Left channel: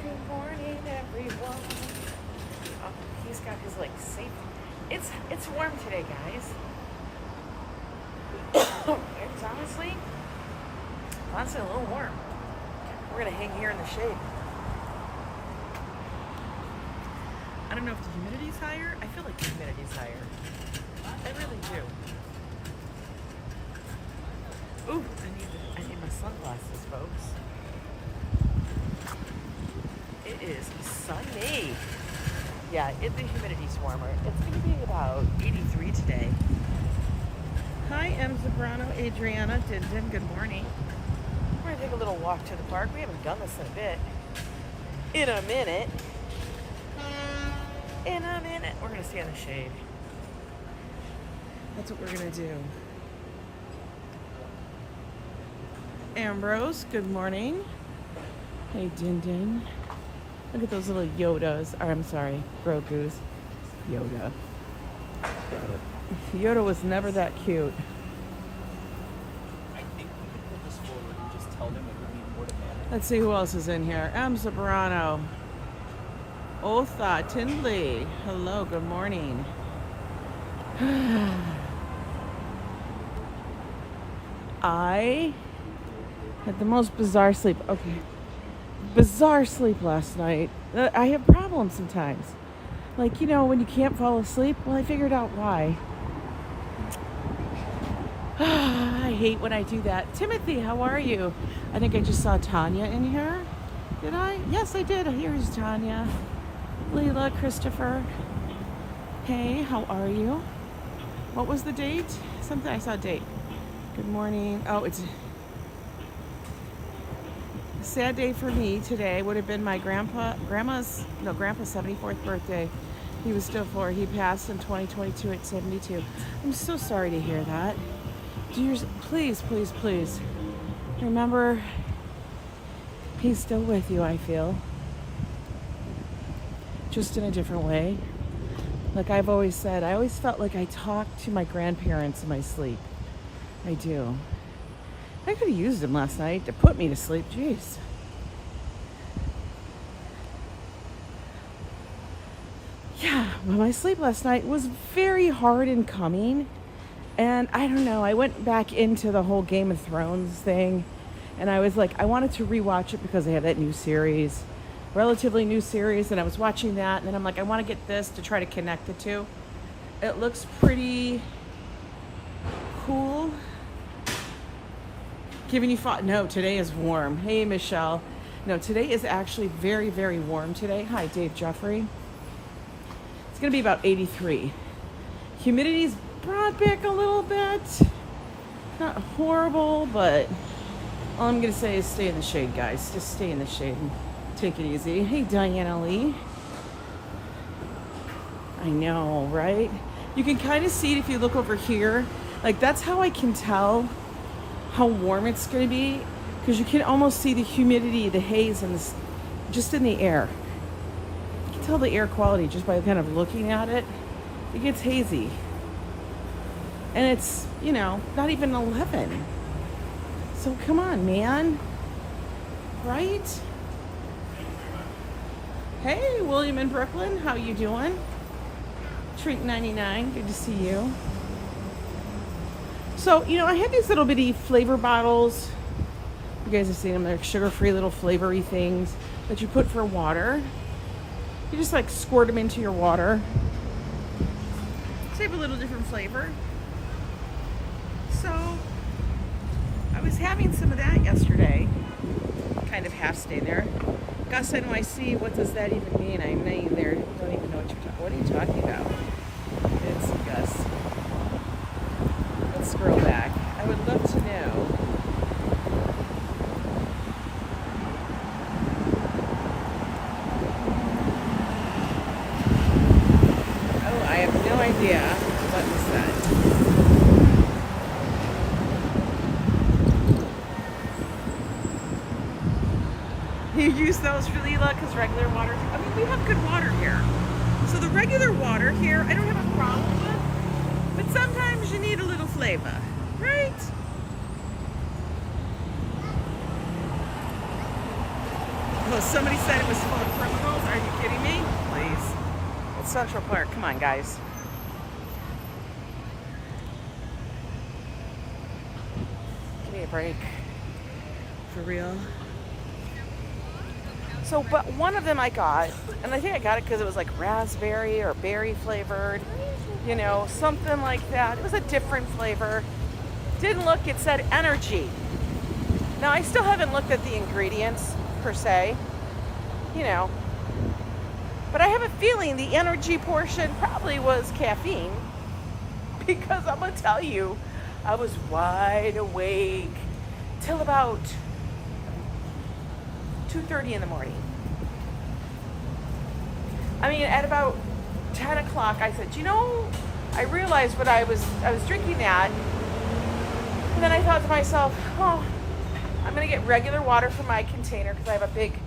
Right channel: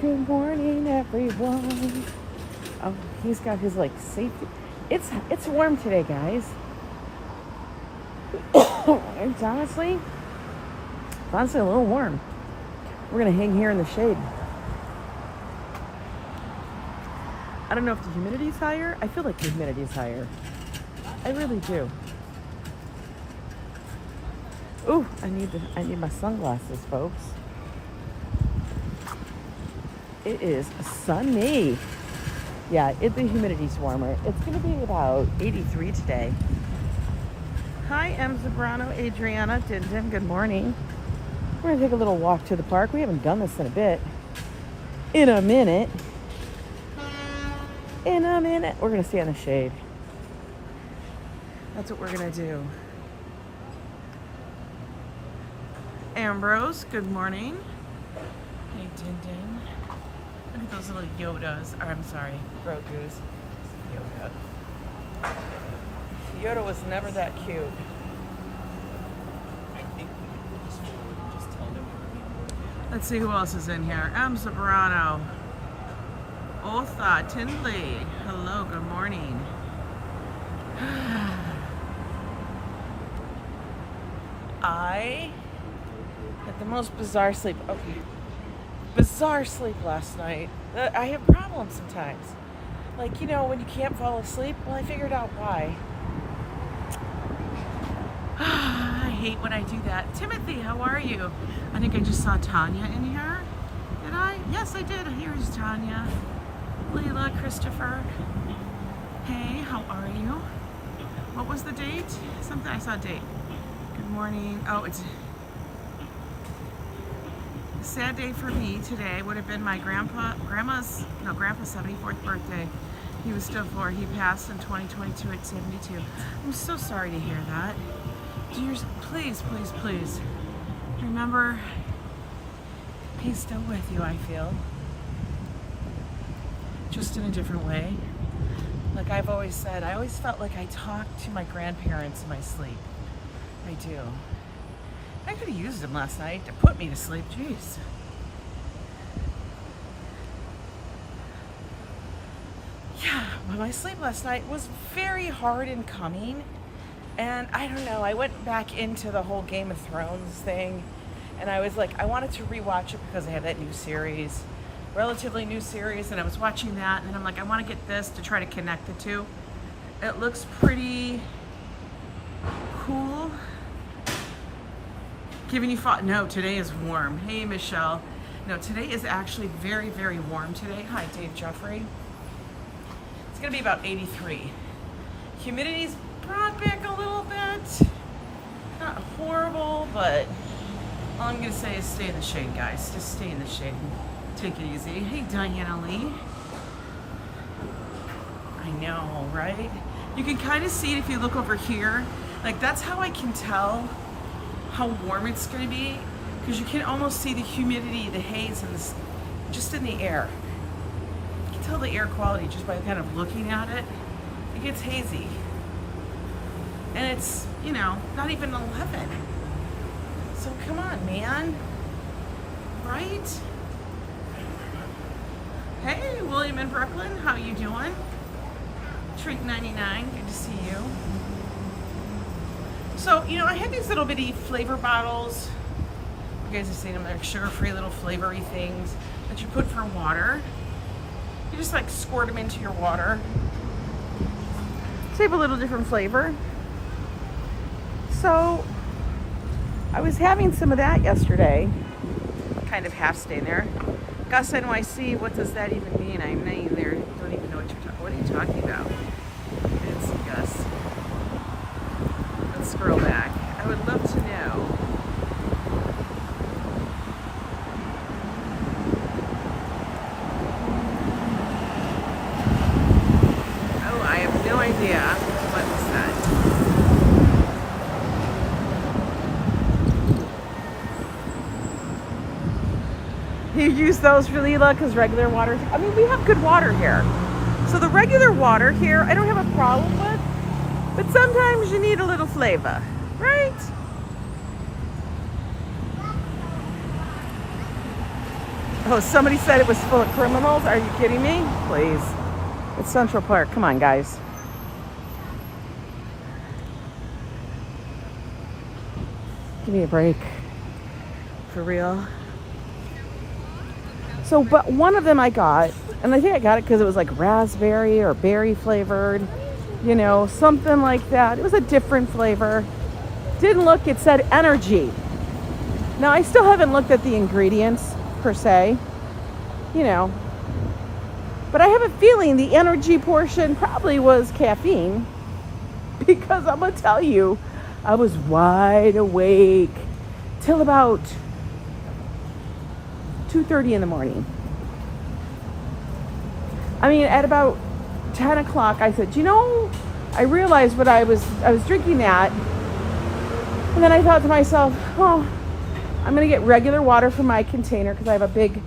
Good morning, everyone. Oh, he's got his like safety. It's warm today, guys. It's honestly a little warm. We're gonna hang here in the shade. I don't know if the humidity's higher. I feel like the humidity's higher. I really do. Ooh, I need my sunglasses, folks. It is sunny. Yeah, the humidity's warmer. It's gonna be about 83 today. Hi, Zambrano, Adriana, Din, good morning. We're gonna take a little walk to the park. We haven't done this in a bit. In a minute. We're gonna stay in the shade. That's what we're gonna do. Ambrose, good morning. Hey, Din. Look at those little Yodas. Or, I'm sorry, Grogu's. Yoda. Yoda was never that cute. I think we could put this forward and just tell them it would be more than. Let's see who else is in here. Zambrano. Otha, Tindley. Hello, good morning. I had the most bizarre sleep. Okay. Bizarre sleep last night. I have problems sometimes. Like, you know, when you can't fall asleep. Well, I figured out why. I hate when I do that. Timothy, how are you? I think I just saw Tanya in here. Did I? Yes, I did. Here's Tanya. Lila, Christopher. Hey, how are you? What was the date? Something, I saw a date. Good morning. Oh, it's a sad day for me today. Would have been my grandpa's 74th birthday. He was still 4. He passed in 2022 at 72. I'm so sorry to hear that. Please, remember, he's still with you, I feel. Just in a different way. Like I've always said, I always felt like I talked to my grandparents in my sleep. I do. I could have used them last night to put me to sleep. Jeez. Yeah, well, my sleep last night was very hard in coming. And I don't know, I went back into the whole Game of Thrones thing. And I was like, I wanted to rewatch it because they have that new series. Relatively new series, and I was watching that, and then I'm like, I want to get this to try to connect the two. It looks pretty cool. Giving you thought. No, today is warm. Hey, Michele. No, today is actually very, very warm today. Hi, Dave Jeffrey. It's gonna be about 83. Humidity's brought back a little bit. Not horrible, but all I'm gonna say is stay in the shade, guys. Just stay in the shade. Take it easy. Hey, Diana Lee. I know, right? You can kind of see it if you look over here. Like, that's how I can tell how warm it's going to be, because you can almost see the humidity, the haze, and just in the air. You can tell the air quality just by kind of looking at it. It gets hazy. And it's, you know, not even 11. So come on, man. Right? Hey, William in Brooklyn, how you doing? Treat99, good to see you. So, you know, I have these little bitty flavor bottles. You guys have seen them, they're sugar-free little flavory things that you put for water. You just like squirt them into your water. Save a little different flavor. So, I was having some of that yesterday. Kind of half stay there. Gus NYC, what does that even mean? I'm not even there. Don't even know what you're talking. What are you talking about? It's Gus. Let's scroll back. I would love to know. Oh, I have no idea. What was that? You use those for Lila because regular water. I mean, we have good water here. So the regular water here, I don't have a problem with. But sometimes you need a little flavor, right? Oh, somebody said it was full of criminals. Are you kidding me? Please. It's Central Park. Come on, guys. Give me a break. For real. So, but one of them I got, and I think I got it because it was like raspberry or berry flavored, you know, something like that. It was a different flavor. Didn't look, it said energy. Now, I still haven't looked at the ingredients per se, you know, but I have a feeling the energy portion probably was caffeine, because I'm gonna tell you, I was wide awake till about 2:30 in the morning. I mean, at about 10 o'clock, I said, you know, I realized what I was drinking that, and then I thought to myself, oh, I'm gonna get regular water from my container, because I have a big,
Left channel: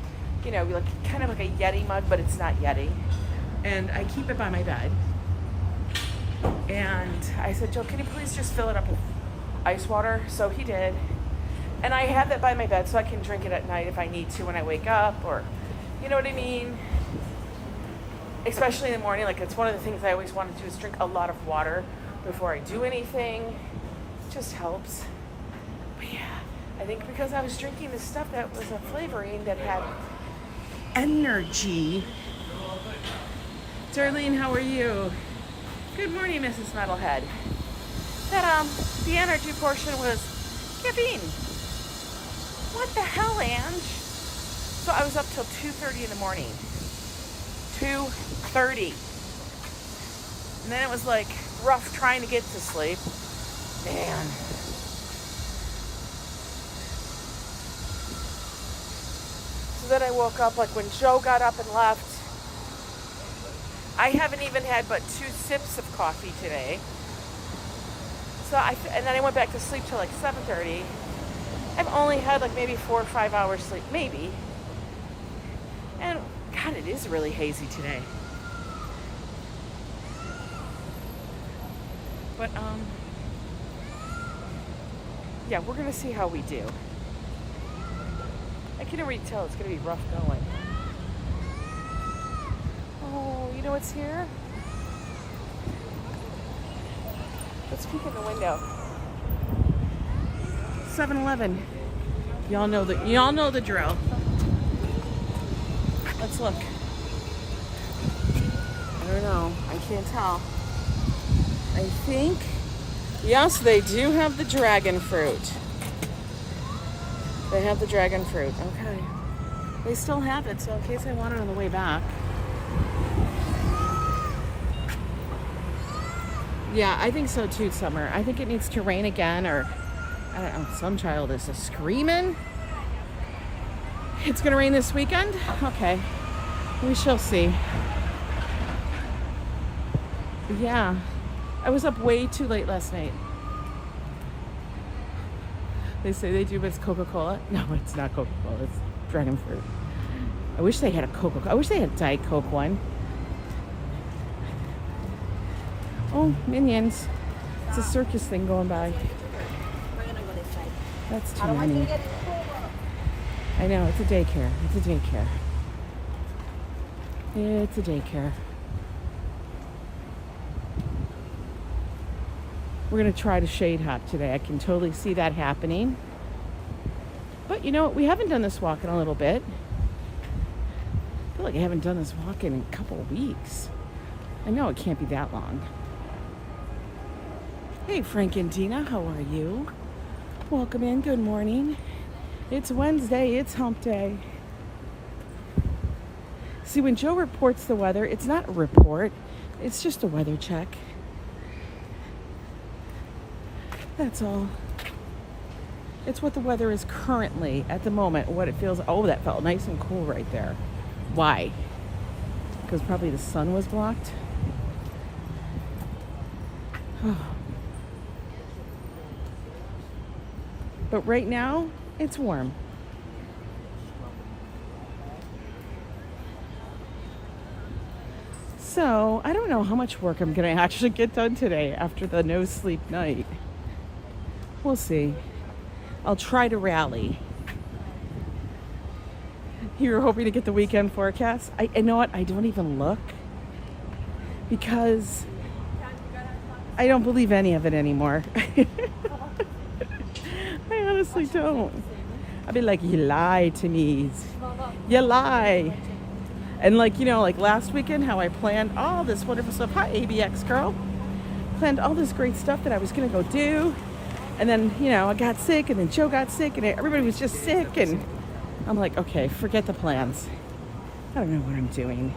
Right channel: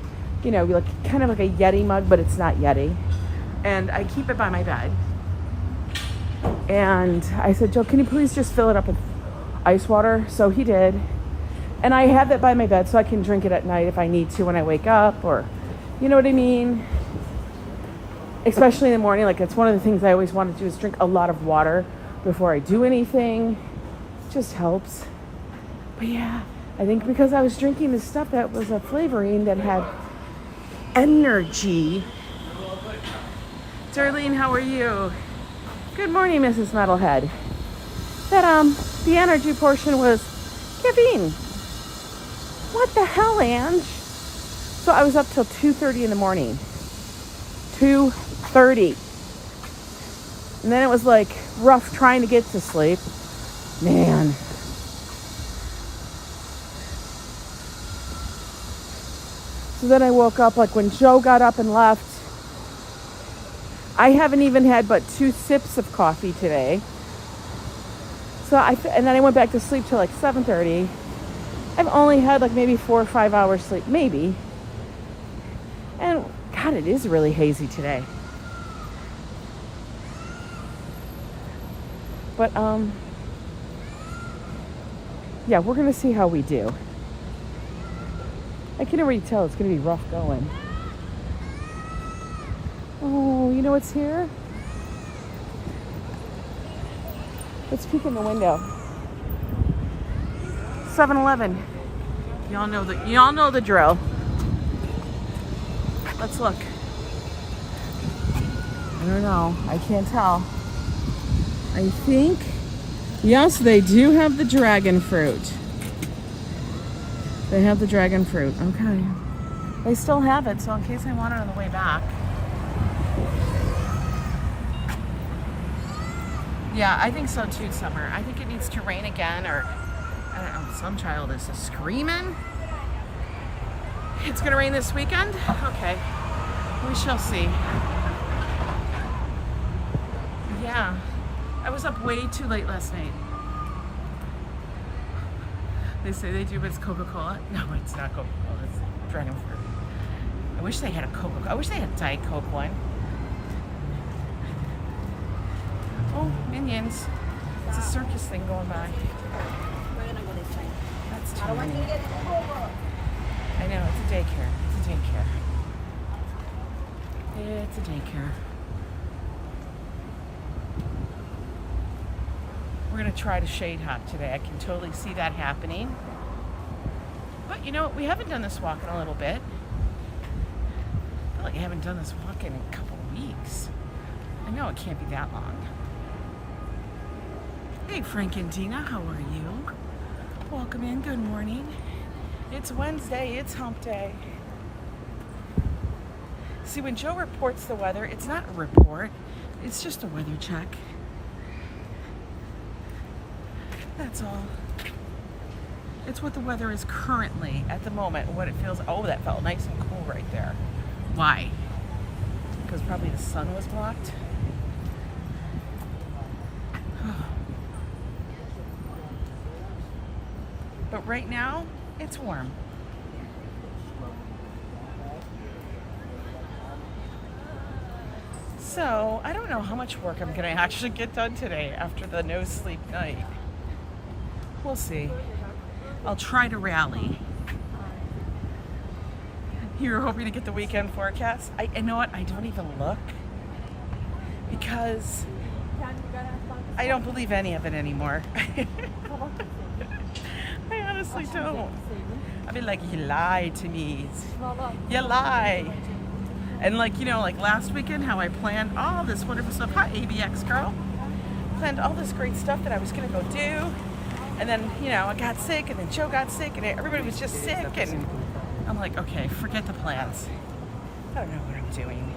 you know, like kind of like a Yeti mug, but it's not Yeti, and I keep it by my bed. And I said, Joe, can you please just fill it up with ice water? So he did. And I have that by my bed so I can drink it at night if I need to when I wake up, or, you know what I mean? Especially in the morning, like it's one of the things I always want to do is drink a lot of water before I do anything. It just helps. But yeah, I think because I was drinking this stuff that was a flavoring that had energy. Darlene, how are you? Good morning, Mrs. Metalhead. That the energy portion was caffeine. What the hell, Ange? So I was up till 2:30 in the morning. 2:30. And then it was like rough trying to get to sleep. Man. So then I woke up like when Joe got up and left. I haven't even had but 2 sips of coffee today. So and then I went back to sleep till like 7:30. I've only had like maybe 4 or 5 hours sleep, maybe. And God, it is really hazy today. But yeah, we're gonna see how we do. I can already tell it's gonna be rough going. Oh, you know what's here? Let's peek in the window. 7-Eleven. Y'all know the drill. Let's look. I don't know. I can't tell. I think, yes, they do have the dragon fruit. They have the dragon fruit. Okay. They still have it, so in case I want it on the way back. Yeah, I think so too, Summer. I think it needs to rain again, or I don't know, some child is just screaming. It's gonna rain this weekend? Okay, we shall see. Yeah, I was up way too late last night. They say they do, but it's Coca-Cola. No, it's not Coca-Cola, it's dragon fruit. I wish they had a Coca-Cola. I wish they had a Diet Coke one. Oh, Minions. It's a circus thing going by. We're gonna go this side. That's too many. I know, it's a daycare. It's a daycare. It's a daycare. We're gonna try to shade hop today. I can totally see that happening. But you know, we haven't done this walk in a little bit. I feel like I haven't done this walk in a couple of weeks. I know it can't be that long. Hey Frank and Dina, how are you? Welcome in, good morning. It's Wednesday, it's hump day. See, when Joe reports the weather, it's not a report, it's just a weather check. That's all. It's what the weather is currently at the moment, what it feels. Oh, that felt nice and cool right there. Why? Because probably the sun was blocked. But right now, it's warm. So, I don't know how much work I'm going to actually get done today after the no sleep night. We'll see. I'll try to rally. You were hoping to get the weekend forecast. You know what? I don't even look because I don't believe any of it anymore. I honestly don't. I'd be like, you lied to me. You lie. And like, you know, like last weekend, how I planned all this wonderful stuff. Hi, ABX girl. Planned all this great stuff that I was gonna go do. And then, you know, I got sick, and then Joe got sick, and everybody was just sick. And I'm like, okay, forget the plans. I don't know what I'm doing.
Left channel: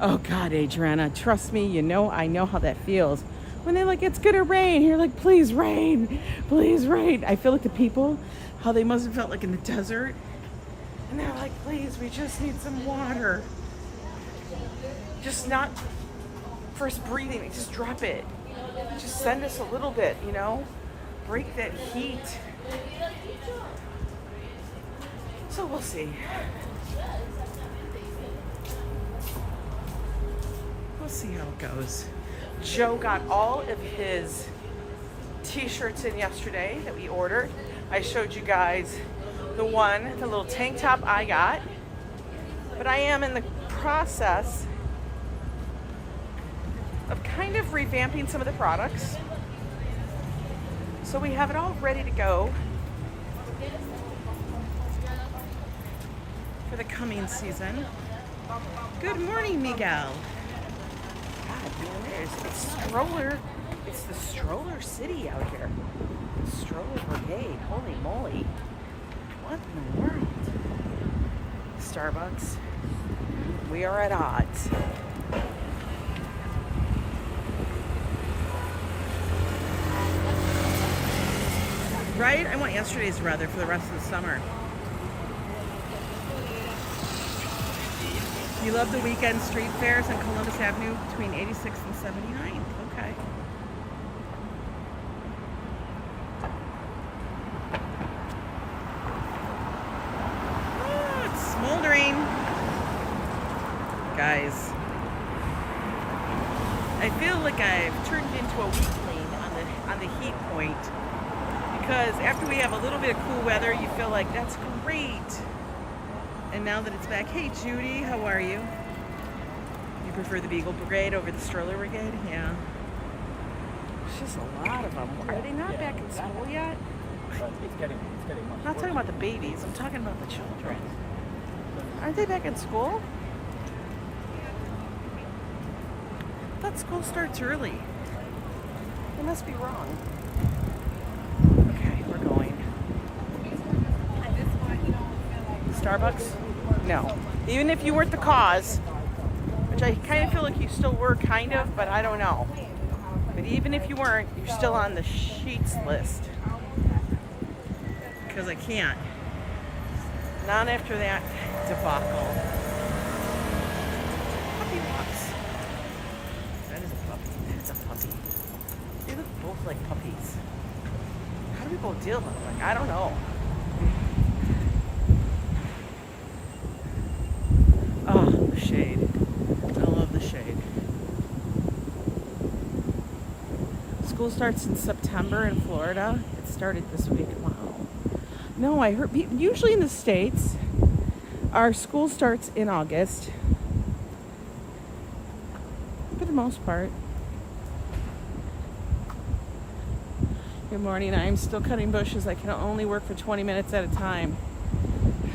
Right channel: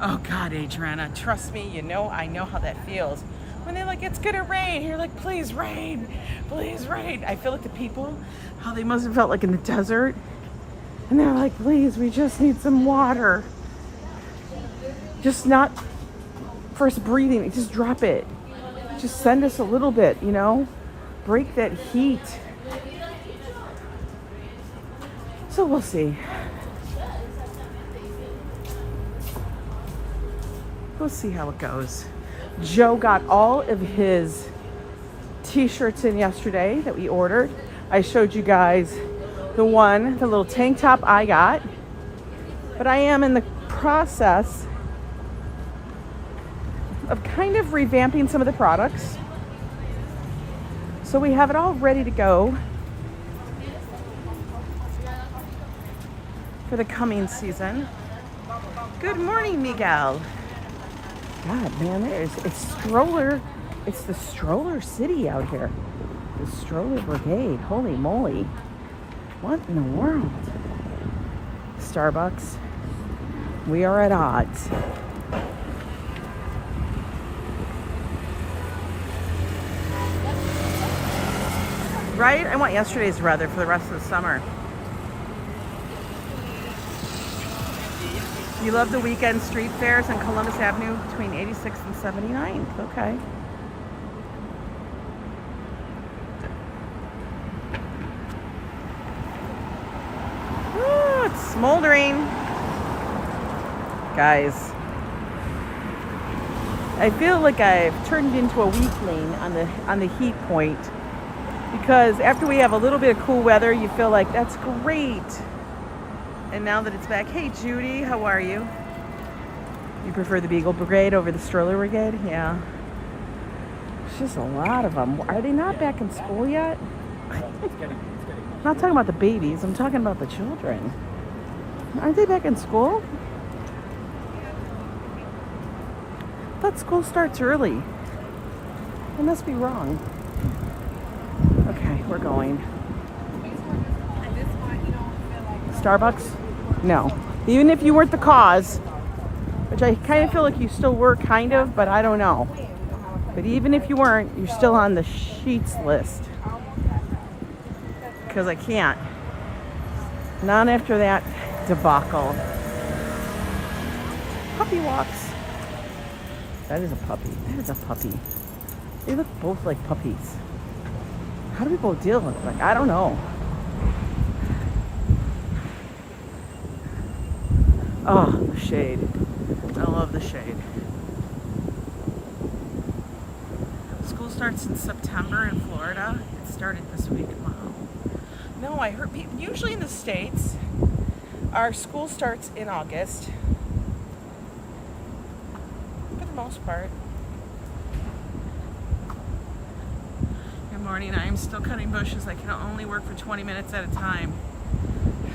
Oh God, Adriana, trust me, you know, I know how that feels. When they're like, it's gonna rain, you're like, please rain, please rain. I feel like the people, how they must have felt like in the desert. And they're like, please, we just need some water. Just not first breathing, just drop it. Just send us a little bit, you know? Break that heat. So we'll see. We'll see how it goes. Joe got all of his t-shirts in yesterday that we ordered. I showed you guys the little tank top I got. But I am in the process of kind of revamping some of the products. So we have it all ready to go for the coming season. Good morning, Miguel. God, man, it's the stroller city out here. The stroller brigade, holy moly. What in the world? Starbucks, we are at odds. Right? I want yesterday's weather for the rest of the summer. You love the weekend street fairs on Columbus Avenue between 86th and 79th. Okay. Oh, it's smoldering. Guys, I feel like I've turned into a weakling on the heat point, because after we have a little bit of cool weather, you feel like that's great. And now that it's back, hey Judy, how are you? You prefer the Beagle Brigade over the Stroller Brigade? Yeah. It's just a lot of them. Are they not back in school yet? I'm not talking about the babies, I'm talking about the children. Aren't they back in school? I thought school starts early. I must be wrong. Okay, we're going. Starbucks? No. Even if you weren't the cause, which I kind of feel like you still were, kind of, but I don't know. But even if you weren't, you're still on the sheets list. Because I can't. Not after that debacle. Puppy walks. That is a puppy. That is a puppy. They look both like puppies. How do people deal with it? Like, I don't know. Oh, the shade. I love the shade. School starts in September in Florida. It started this week. Wow. No, I heard usually in the States, our school starts in August. For the most part. Good morning. I am still cutting bushes. I can only work for 20 minutes at a time.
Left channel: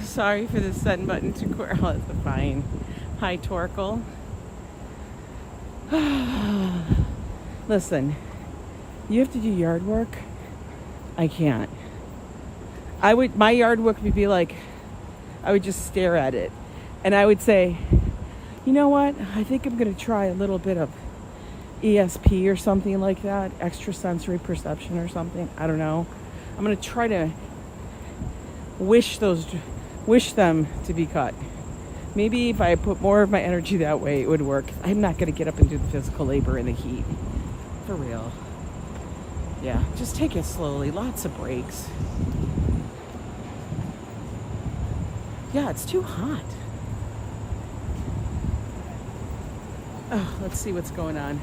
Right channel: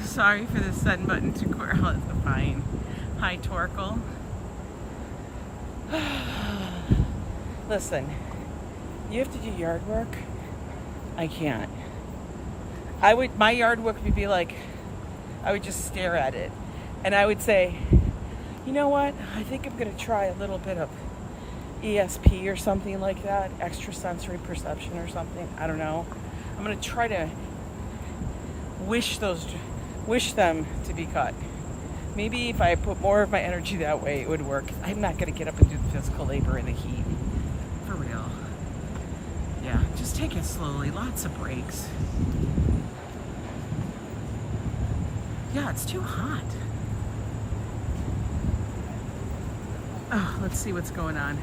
Sorry for the send button to Quirrell. It's fine. Hi, Torkel. Listen, you have to do yard work. I can't. My yard work would be like, I would just stare at it. And I would say, you know what? I think I'm going to try a little bit of ESP or something like that. Extrasensory perception or something. I don't know. I'm going to try to wish them to be cut. Maybe if I put more of my energy that way, it would work. I'm not going to get up and do the physical labor in the heat. For real. Yeah, just take it slowly. Lots of breaks. Yeah, it's too hot. Oh, let's see what's going on.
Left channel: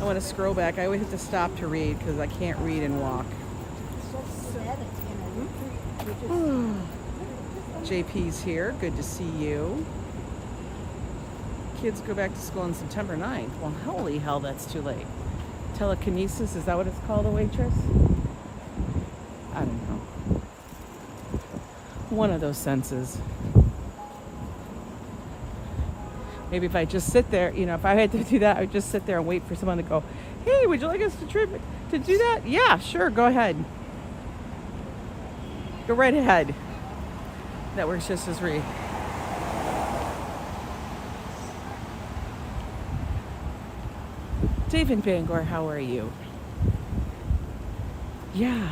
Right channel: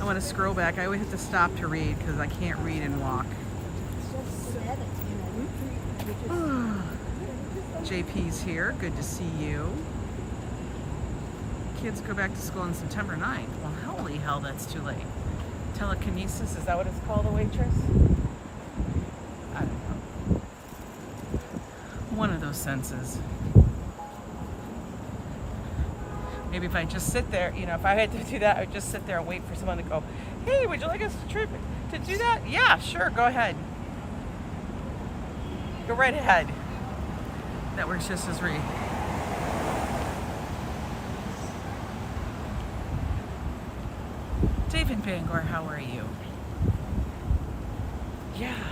I want to scroll back. I always have to stop to read because I can't read and walk. JP's here. Good to see you. Kids go back to school on September 9th. Well, holy hell, that's too late. Telekinesis, is that what it's called, a waitress? I don't know. One of those senses. Maybe if I just sit there, you know, if I had to do that, I would just sit there and wait for someone to go, hey, would you like us to do that? Yeah, sure, go ahead. Go right ahead. That works just as right. David Bangor, how are you? Yeah.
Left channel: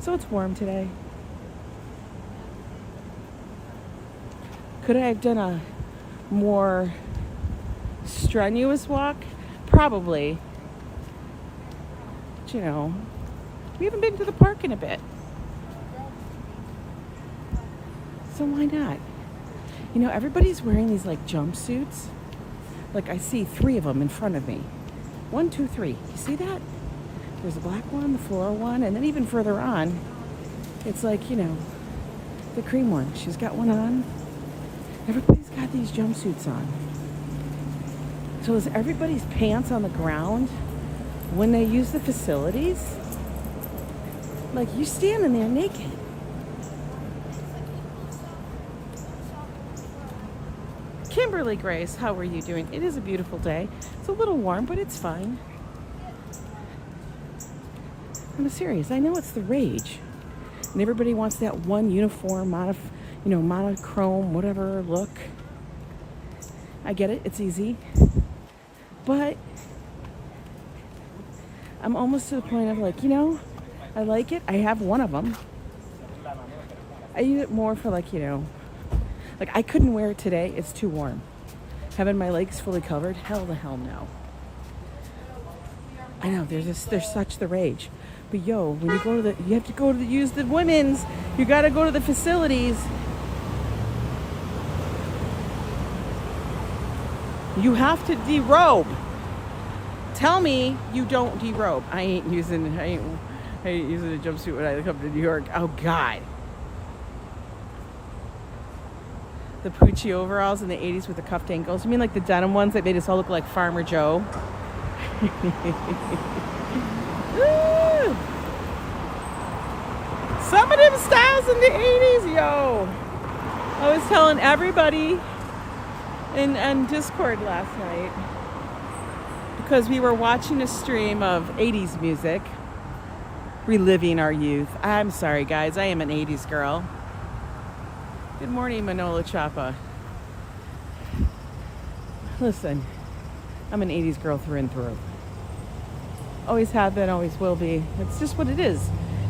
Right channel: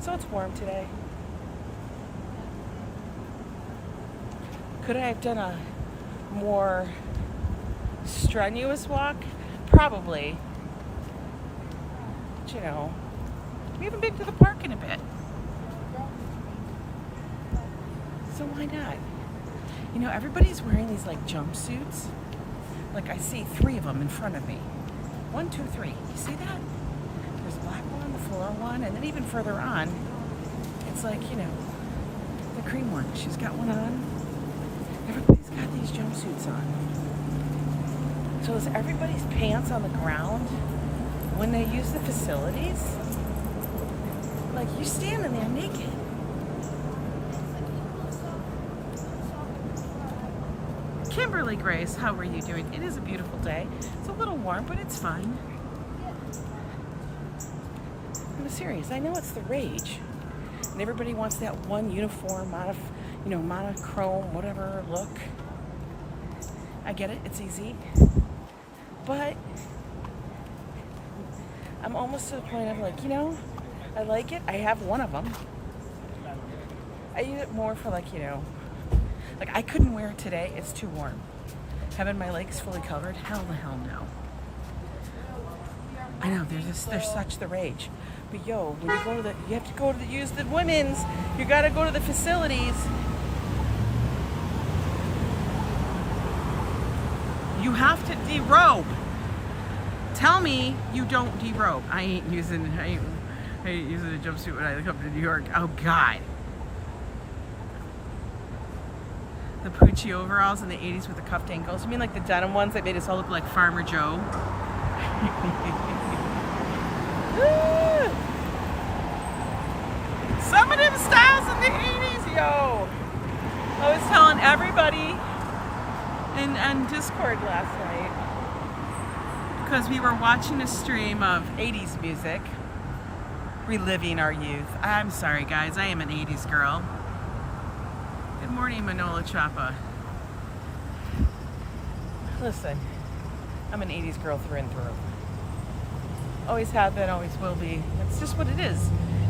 So it's warm today. Could I have done a more strenuous walk? Probably. But you know, we haven't been to the park in a bit. So why not? You know, everybody's wearing these like jumpsuits. Like I see 3 of them in front of me. 1, 2, 3. You see that? There's a black one, the floral one, and then even further on, it's like, you know, the cream one. She's got one on. Everybody's got these jumpsuits on. So is everybody's pants on the ground when they use the facilities? Like, you're standing there naked. Kimberly Grace, how are you doing? It is a beautiful day. It's a little warm, but it's fine. I'm serious. I know it's the rage. And everybody wants that one uniform, monochrome, whatever look. I get it. It's easy. But I'm almost to the point of like, you know, I like it. I have one of them. I use it more for like, you know, like I couldn't wear it today. It's too warm. Having my legs fully covered, hell the hell no. I know there's such the rage. But yo, when you go to you have to go to use the women's. You gotta go to the facilities. You have to derobe. Tell me you don't derobe. I ain't using a jumpsuit when I come to New York. Oh God. The Poochie overalls in the 80s with the cuffed ankles. You mean like the denim ones that made us all look like Farmer Joe? Some of them styles in the 80s, yo. I was telling everybody in Discord last night because we were watching a stream of 80s music, reliving our youth. I'm sorry, guys. I am an 80s girl. Good morning, Manola Chapa. Listen, I'm an 80s girl through and through. Always have been, always will be. It's just what it is.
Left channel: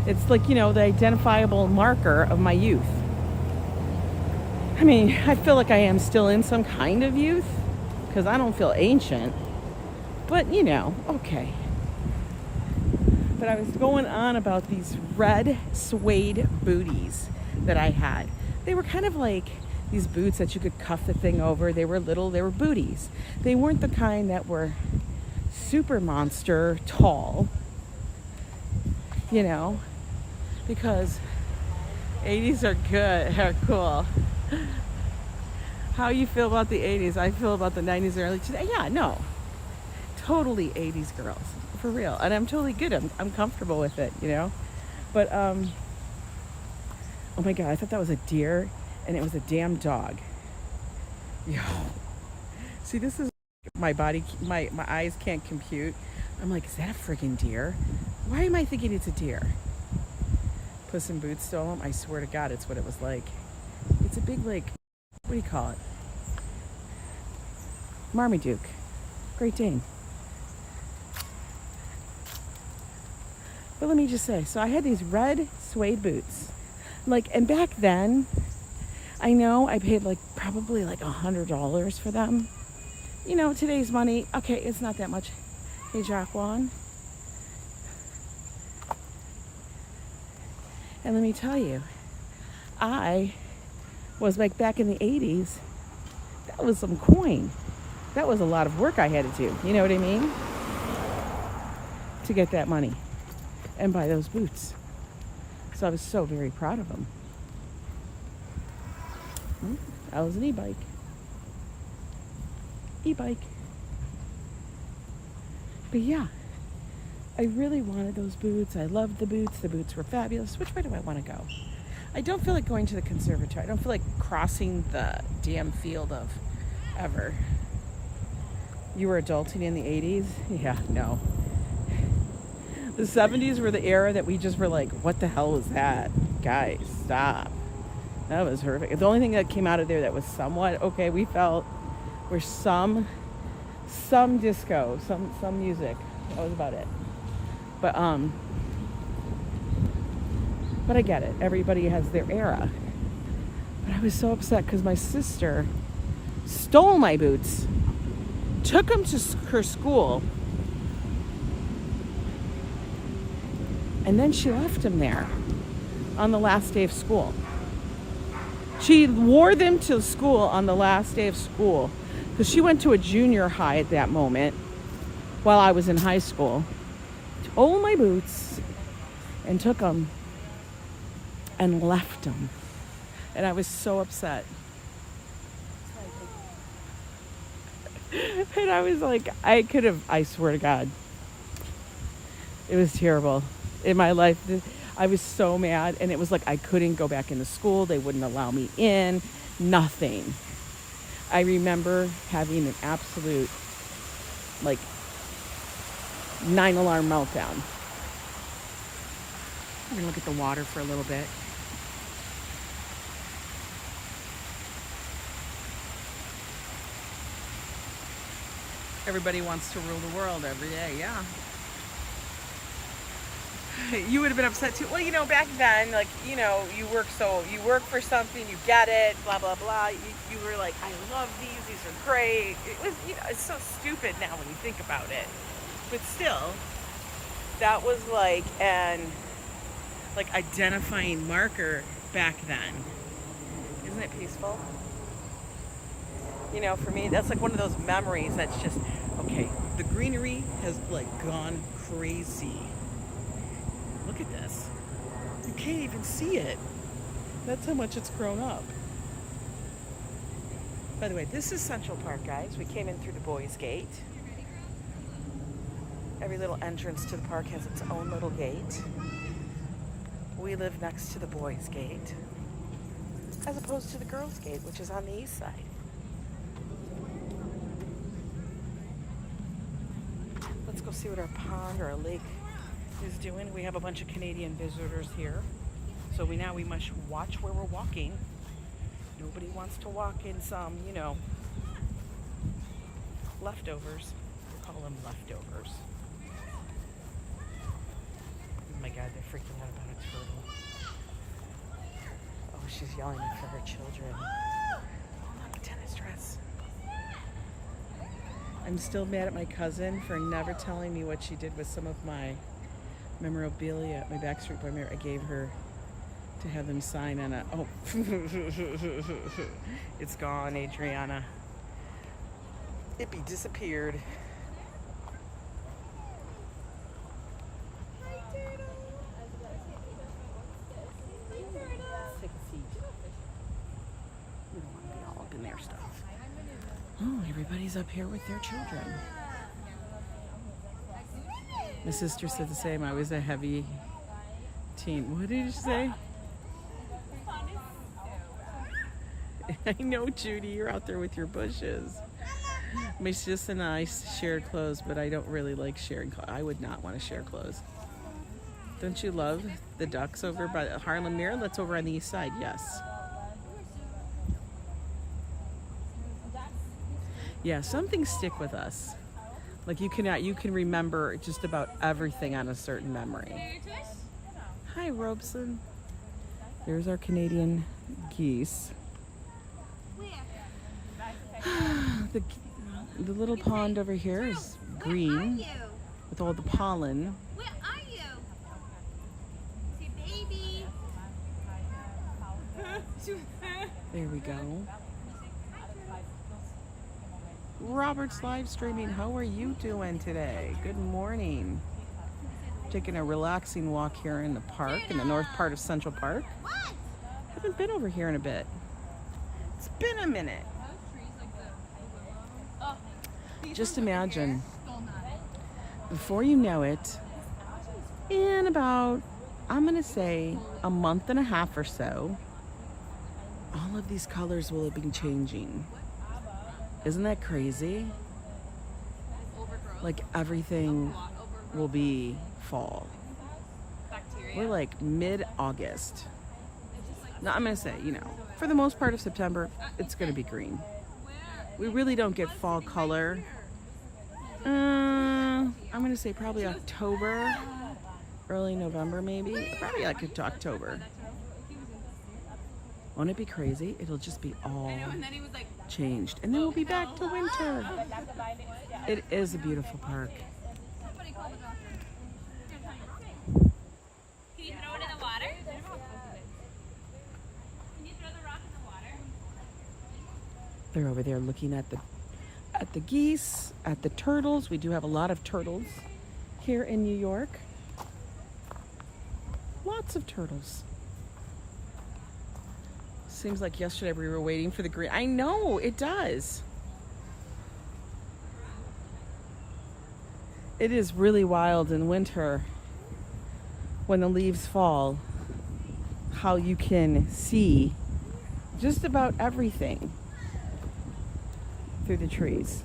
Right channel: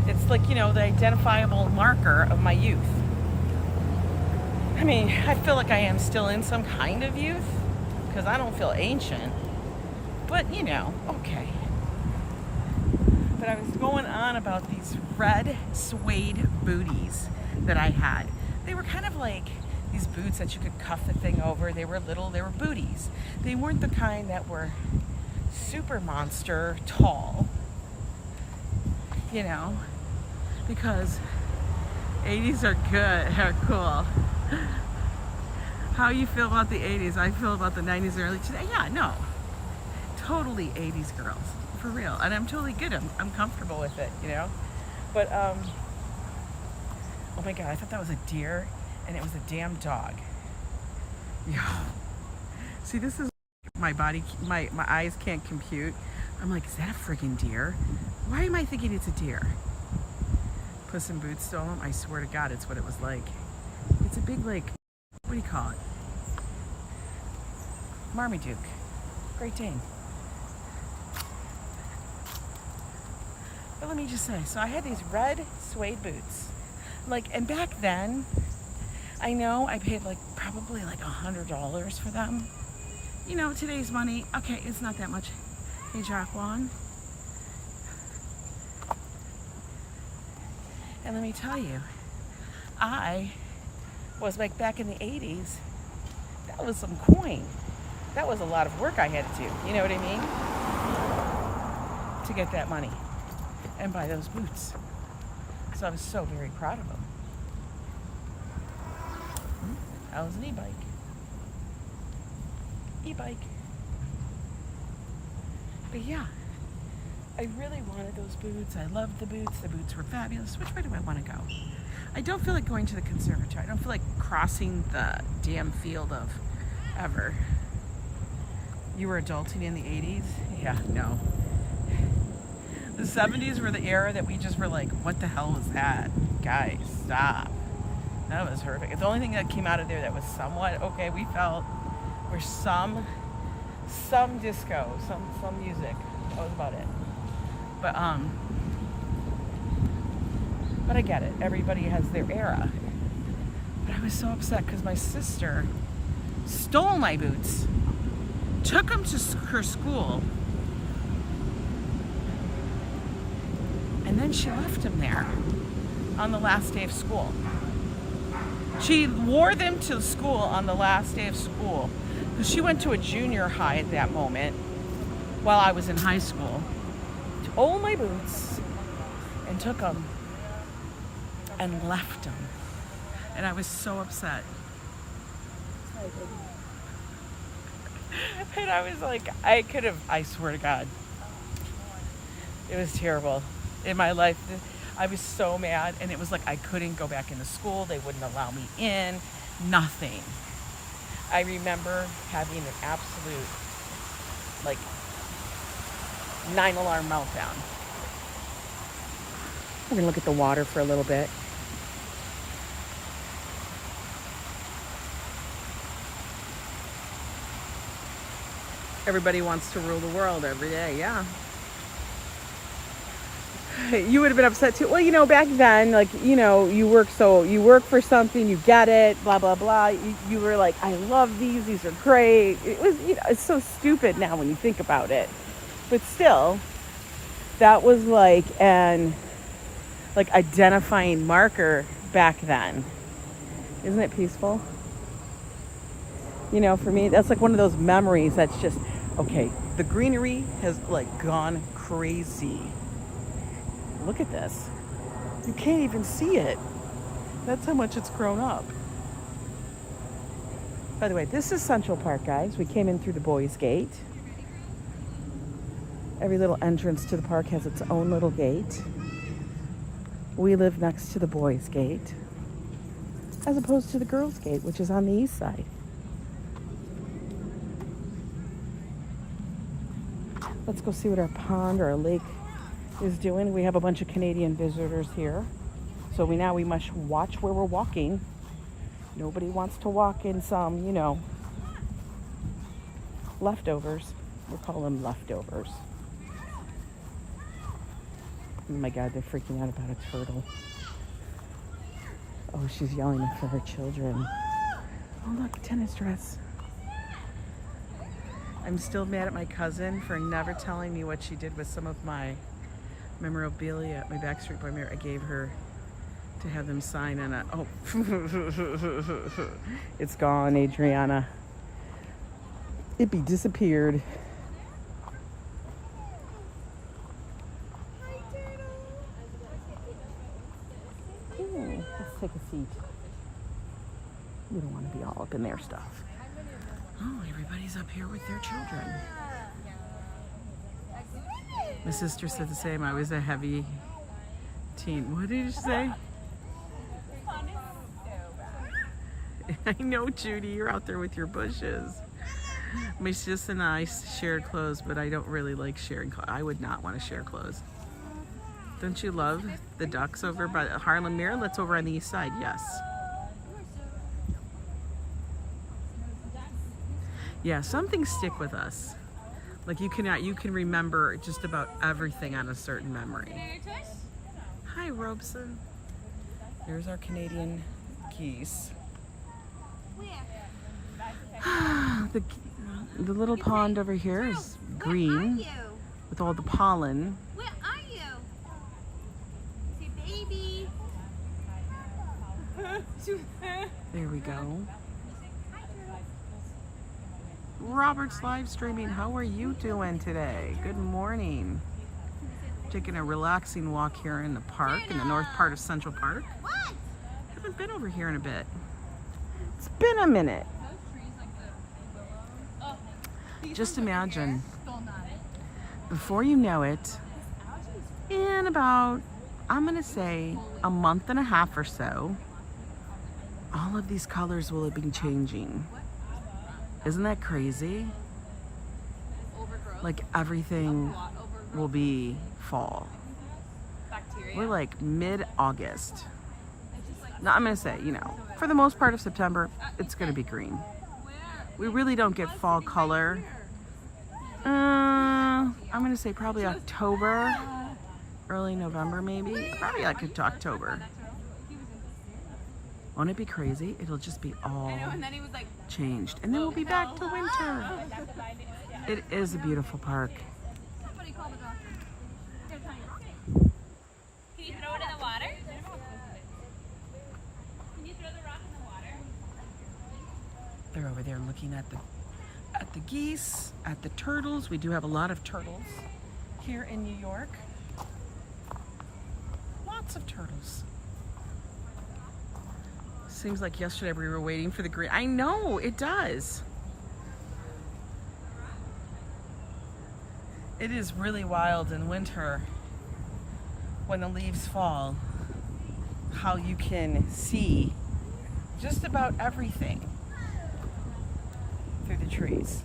It's like, you know, the identifiable marker of my youth. I mean, I feel like I am still in some kind of youth because I don't feel ancient. But, you know, okay. But I was going on about these red suede booties that I had. They were kind of like these boots that you could cuff the thing over. They were little, they were booties. They weren't the kind that were super monster tall, you know, because 80s are good, are cool. How you feel about the 80s? I feel about the 90s, early today. Yeah, no, totally 80s girls, for real. And I'm totally good. I'm comfortable with it, you know. But oh my God, I thought that was a deer, and it was a damn dog. Yo, see, this is my body, my eyes can't compute. I'm like, is that a freaking deer? Why am I thinking it's a deer? Puss in Boots stole him. I swear to God, it's what it was like. It's a big, like, what do you call it? Marmaduke. Great Dane. But let me just say, so I had these red suede boots. Like, and back then, I know I paid like probably like $100 for them. You know, today's money, okay, it's not that much. Hey, Jacqueline. And let me tell you, I was like back in the 80s, that was some coin. That was a lot of work I had to do, you know what I mean? To get that money and buy those boots. So I was so very proud of him. That was an e-bike. E-bike. But yeah, I really wanted those boots. I loved the boots. The boots were fabulous. Which way do I want to go? I don't feel like going to the conservatory. I don't feel like crossing the damn field of ever. You were adulting in the 80s? Yeah, no. The 70s were the era that we just were like, what the hell was that? Guys, stop. That was horrific. The only thing that came out of there that was somewhat okay, we felt, were some disco, some music. That was about it. But I get it. Everybody has their era. But I was so upset because my sister stole my boots, took them to her school, and then she left them there on the last day of school. She wore them to school on the last day of school because she went to a junior high at that moment while I was in high school. Stole my boots and took them and left them. And I was so upset. And I was like, I swear to God, it was terrible. In my life, I was so mad, and it was like I couldn't go back into school. They wouldn't allow me in, nothing. I remember having an absolute, like, 9-alarm meltdown. We're gonna look at the water for a little bit. Everybody wants to rule the world every day, yeah. You would have been upset too. Well, you know, back then, like, you know, you work for something, you get it, blah, blah, blah. You were like, I love these are great. It was, you know, it's so stupid now when you think about it. But still, that was like an identifying marker back then. Isn't it peaceful? You know, for me, that's like one of those memories that's just, okay, the greenery has like gone crazy. Look at this. You can't even see it. That's how much it's grown up. By the way, this is Central Park, guys. We came in through the boys' gate. Every little entrance to the park has its own little gate. We live next to the boys' gate, as opposed to the girls' gate, which is on the east side. Let's go see what our pond or our lake is doing. We have a bunch of Canadian visitors here, so we must watch where we're walking. Nobody wants to walk in some, you know, leftovers. We'll call them leftovers. Oh my God, they're freaking out about a turtle. Oh, she's yelling for her children. Oh, look, tennis dress. I'm still mad at my cousin for never telling me what she did with some of my memorabilia, my Backstreet Boy mirror. I gave her to have them sign on a, oh, it's gone, Adriana. It be disappeared. Let's take a seat. We don't want to be all up in their stuff. Oh, everybody's up here with their children. My sister said the same. I was a heavy teen. What did you say? I know, Judy, you're out there with your bushes. My sis and I shared clothes, but I don't really like sharing clothes. I would not want to share clothes. Don't you love the ducks over by the Harlem Mirror? That's over on the east side, yes. Yeah, some things stick with us. Like you can remember just about everything on a certain memory. Hi, Robeson. Here's our Canadian geese. The little pond over here is green with all the pollen. Where are you? It's your baby. There we go. Robert's live streaming. How are you doing today? Good morning. taking a relaxing walk here in the park, in the north part of Central Park. Haven't been over here in a bit. It's been a minute. Just imagine, before you know it, in about, I'm gonna say, a month and a half or so, all of these colors will have been changing. Isn't that crazy? Like everything will be fall. We're like mid-August. Now I'm gonna say, you know, for the most part of September, it's gonna be green. We really don't get fall color. I'm gonna say probably October, early November maybe. Probably like to October. Won't it be crazy? It'll just be all changed. And then we'll be back to winter. It is a beautiful park. Can you throw it in the water? Can you throw the rock in the water? They're over there looking at the geese, at the turtles. We do have a lot of turtles here in New York. Lots of turtles. Seems like yesterday we were waiting for the green. I know, it does. It is really wild in winter when the leaves fall, how you can see just about everything through the trees.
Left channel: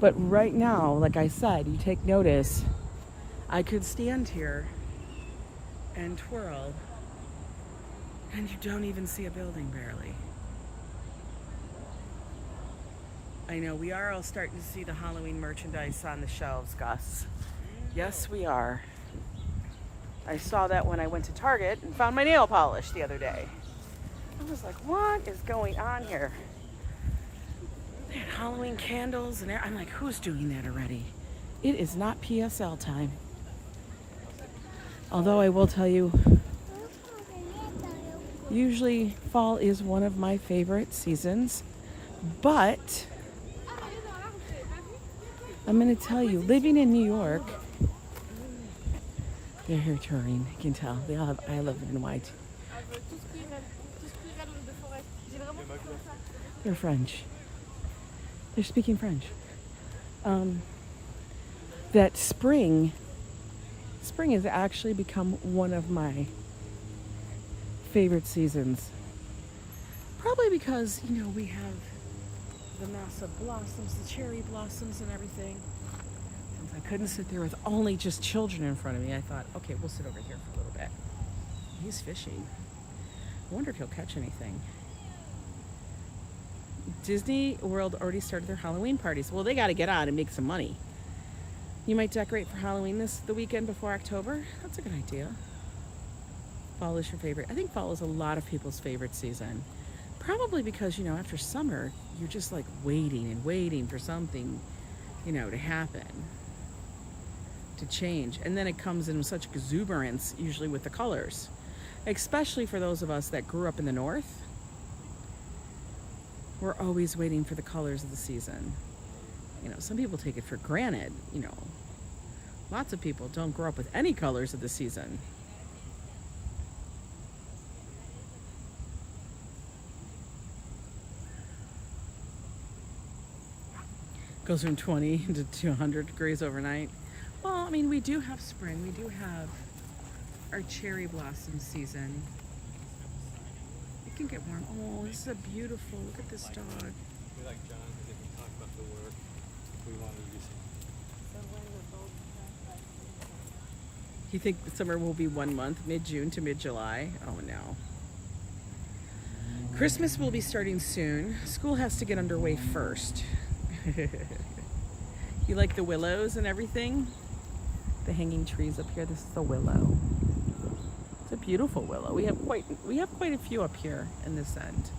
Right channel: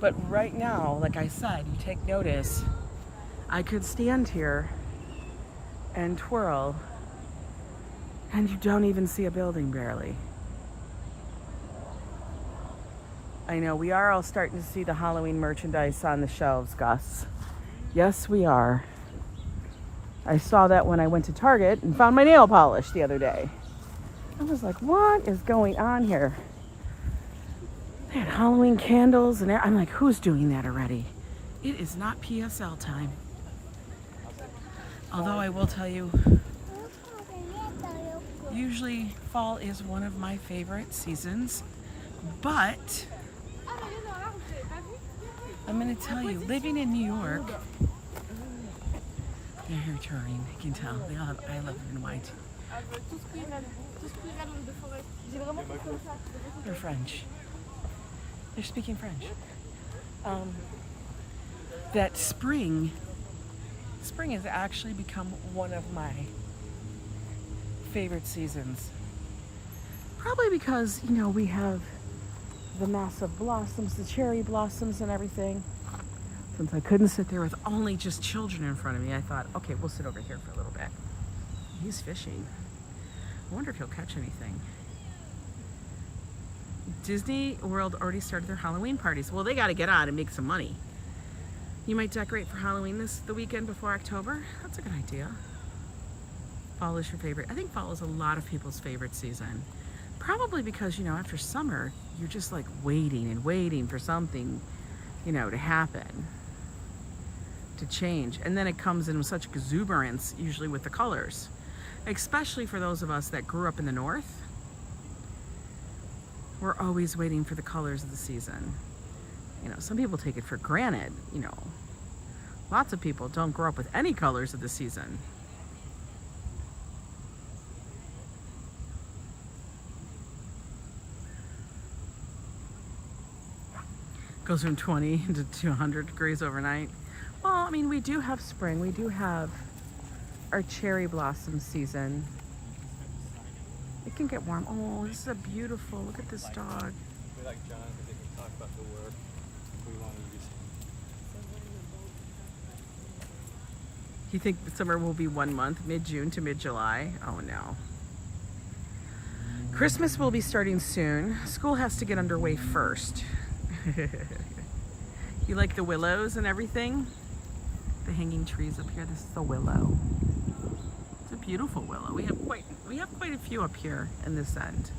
But right now, like I said, you take notice, I could stand here and twirl and you don't even see a building barely. I know, we are all starting to see the Halloween merchandise on the shelves, Gus. Yes, we are. I saw that when I went to Target and found my nail polish the other day. I was like, what is going on here? They had Halloween candles and I'm like, who's doing that already? It is not PSL time. Although I will tell you, usually fall is one of my favorite seasons, but I'm gonna tell you, living in New York, they're here touring, I can tell. They all have I Love It in White. They're French. They're speaking French. That spring has actually become one of my favorite seasons. Probably because, you know, we have the massive blossoms, the cherry blossoms and everything. Since I couldn't sit there with only just children in front of me, I thought, okay, we'll sit over here for a little bit. He's fishing. I wonder if he'll catch anything. Disney World already started their Halloween parties. Well, they got to get on and make some money. You might decorate for Halloween the weekend before October. That's a good idea. Fall is your favorite. I think fall is a lot of people's favorite season. Probably because, you know, after summer, you're just like waiting and waiting for something, you know, to happen, to change. And then it comes in with such exuberance, usually with the colors, especially for those of us that grew up in the north. We're always waiting for the colors of the season. You know, some people take it for granted, you know. Lots of people don't grow up with any colors of the season. Goes from 20 to 200 degrees overnight. Well, I mean, we do have spring. We do have our cherry blossom season. It can get warm. Oh, this is a beautiful, look at this dog. We like John because they can talk about the work if we want to use him. You think the summer will be 1 month, mid-June to mid-July? Oh no. Christmas will be starting soon. School has to get underway first. You like the willows and everything? The hanging trees up here. This is the willow. It's a beautiful willow. We have quite a few up here in this end.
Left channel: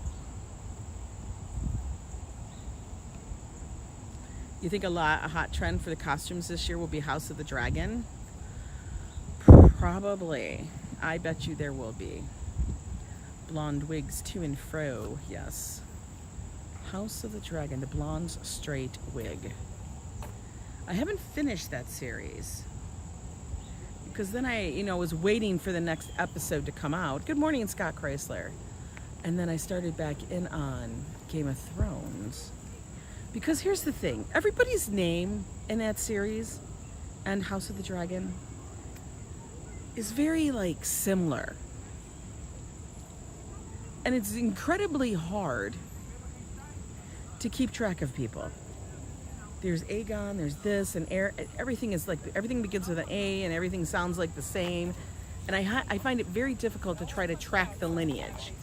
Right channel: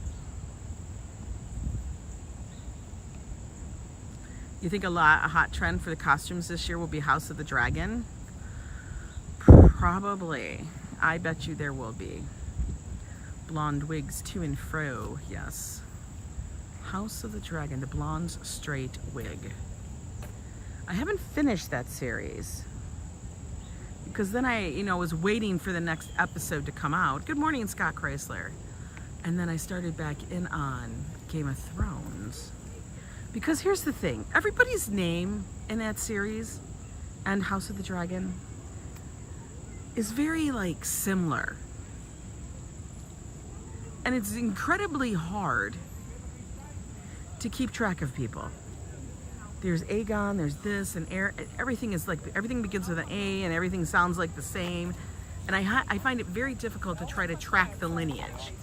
You think a hot trend for the costumes this year will be House of the Dragon? Probably. I bet you there will be. Blonde wigs to and fro, yes. House of the Dragon, the blonde's straight wig. I haven't finished that series. because then I, you know, was waiting for the next episode to come out. Good morning, Scott Chrysler. And then I started back in on Game of Thrones. Because here's the thing, everybody's name in that series and House of the Dragon is very like similar. And it's incredibly hard to keep track of people. There's Aegon, there's this, and everything is like, everything begins with an A and everything sounds like the same. And I find it very difficult to try to track the lineage.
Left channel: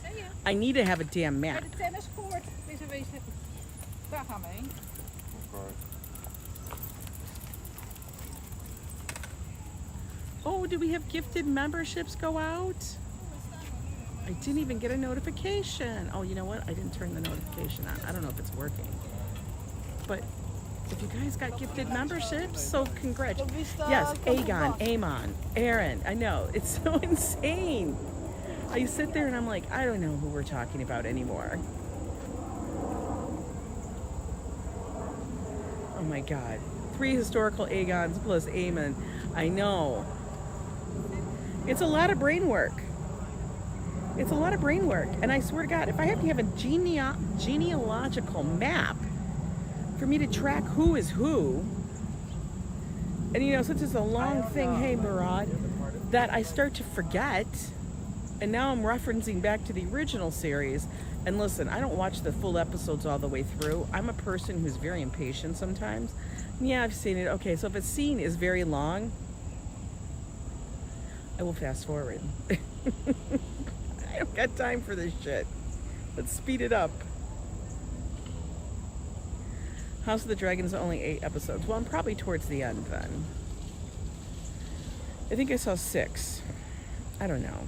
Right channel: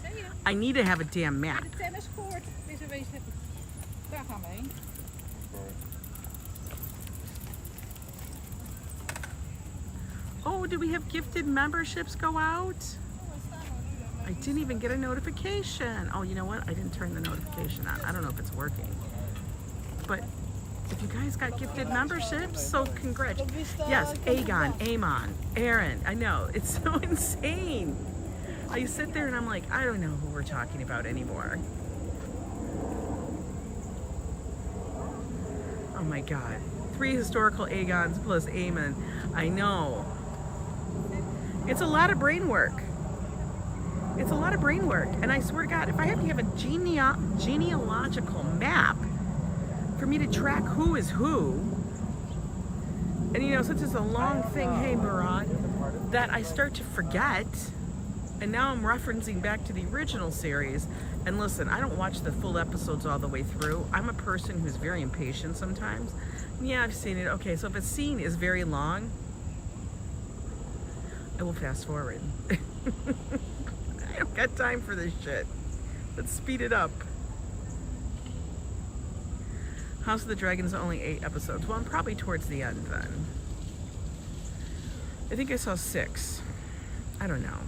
I need to have a damn map. De tenniscourt is een wezen. Daar gaan we heen. Oh, do we have gifted memberships go out? I didn't even get a notification. Oh, you know what? I didn't turn the notification on. I don't know if it's working. But if you guys got gifted memberships, so congrats. Yes, Aegon, Aemon, Aaron. I know, it's so insane. I sit there and I'm like, I don't know who we're talking about anymore. Oh my God. 3 historical Aegons plus Aemon. I know. It's a lot of brain work. It's a lot of brain work. And I swear to God, if I have to have a genealogical map for me to track who is who, and you know, since it's a long thing, hey Murad, that I start to forget, and now I'm referencing back to the original series. And listen, I don't watch the full episodes all the way through. I'm a person who's very impatient sometimes. Yeah, I've seen it. Okay, so if a scene is very long, I will fast forward. I don't got time for this shit. Let's speed it up. House of the Dragon is only 8 episodes. Well, I'm probably towards the end then. I think I saw 6. I don't know.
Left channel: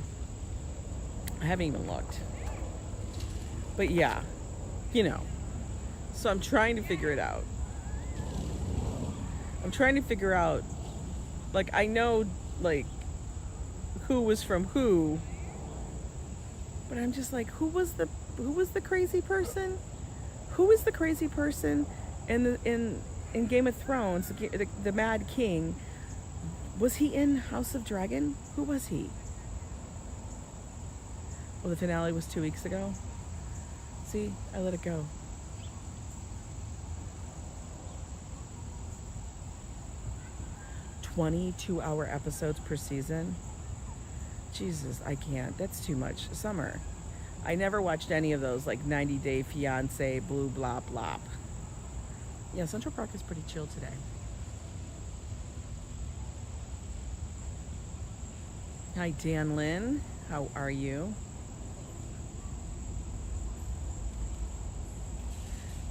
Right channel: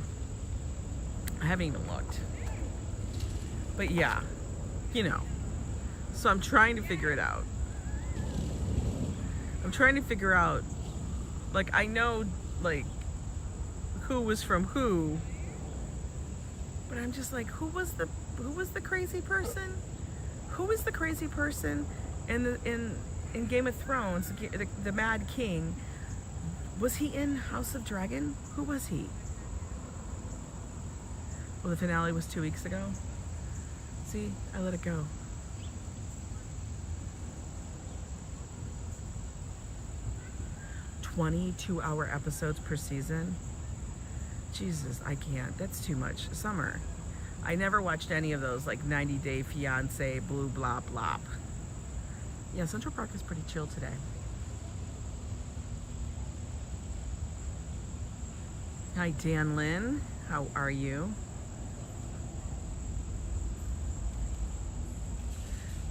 I haven't even looked. But yeah, you know. So I'm trying to figure it out. I'm trying to figure out, like, I know, like, who was from who, but I'm just like, who was the crazy person? Who is the crazy person in Game of Thrones, the Mad King? Was he in House of Dragon? Who was he? Well, the finale was 2 weeks ago. See, I let it go. "22-hour episodes per season. Jesus, I can't. That's too much. Summer. I never watched any of those, like 90 Day Fiance, blue blah blah. Yeah, Central Park is pretty chill today. Hi, Dan Lynn. How are you?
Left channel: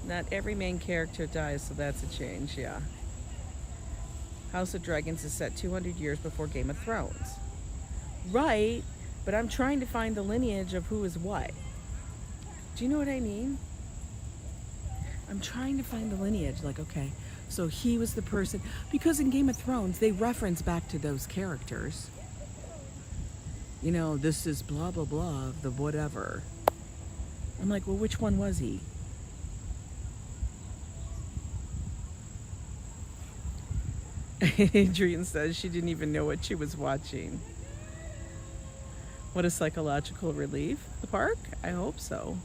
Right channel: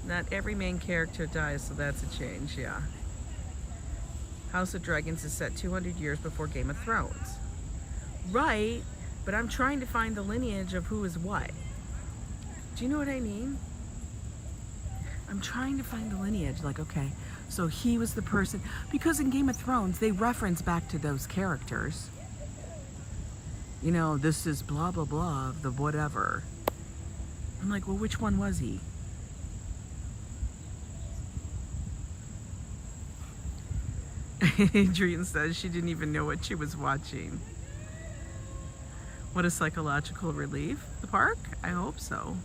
Not every main character dies, so that's a change, yeah. House of Dragons is set 200 years before Game of Thrones. Right, but I'm trying to find the lineage of who is what. Do you know what I mean? I'm trying to find the lineage, like, okay, so he was the person, because in Game of Thrones, they reference back to those characters. You know, this is blah, blah, blah, the whatever. I'm like, well, which one was he? Adrian says she didn't even know what she was watching. What a psychological relief. The park? I hope so.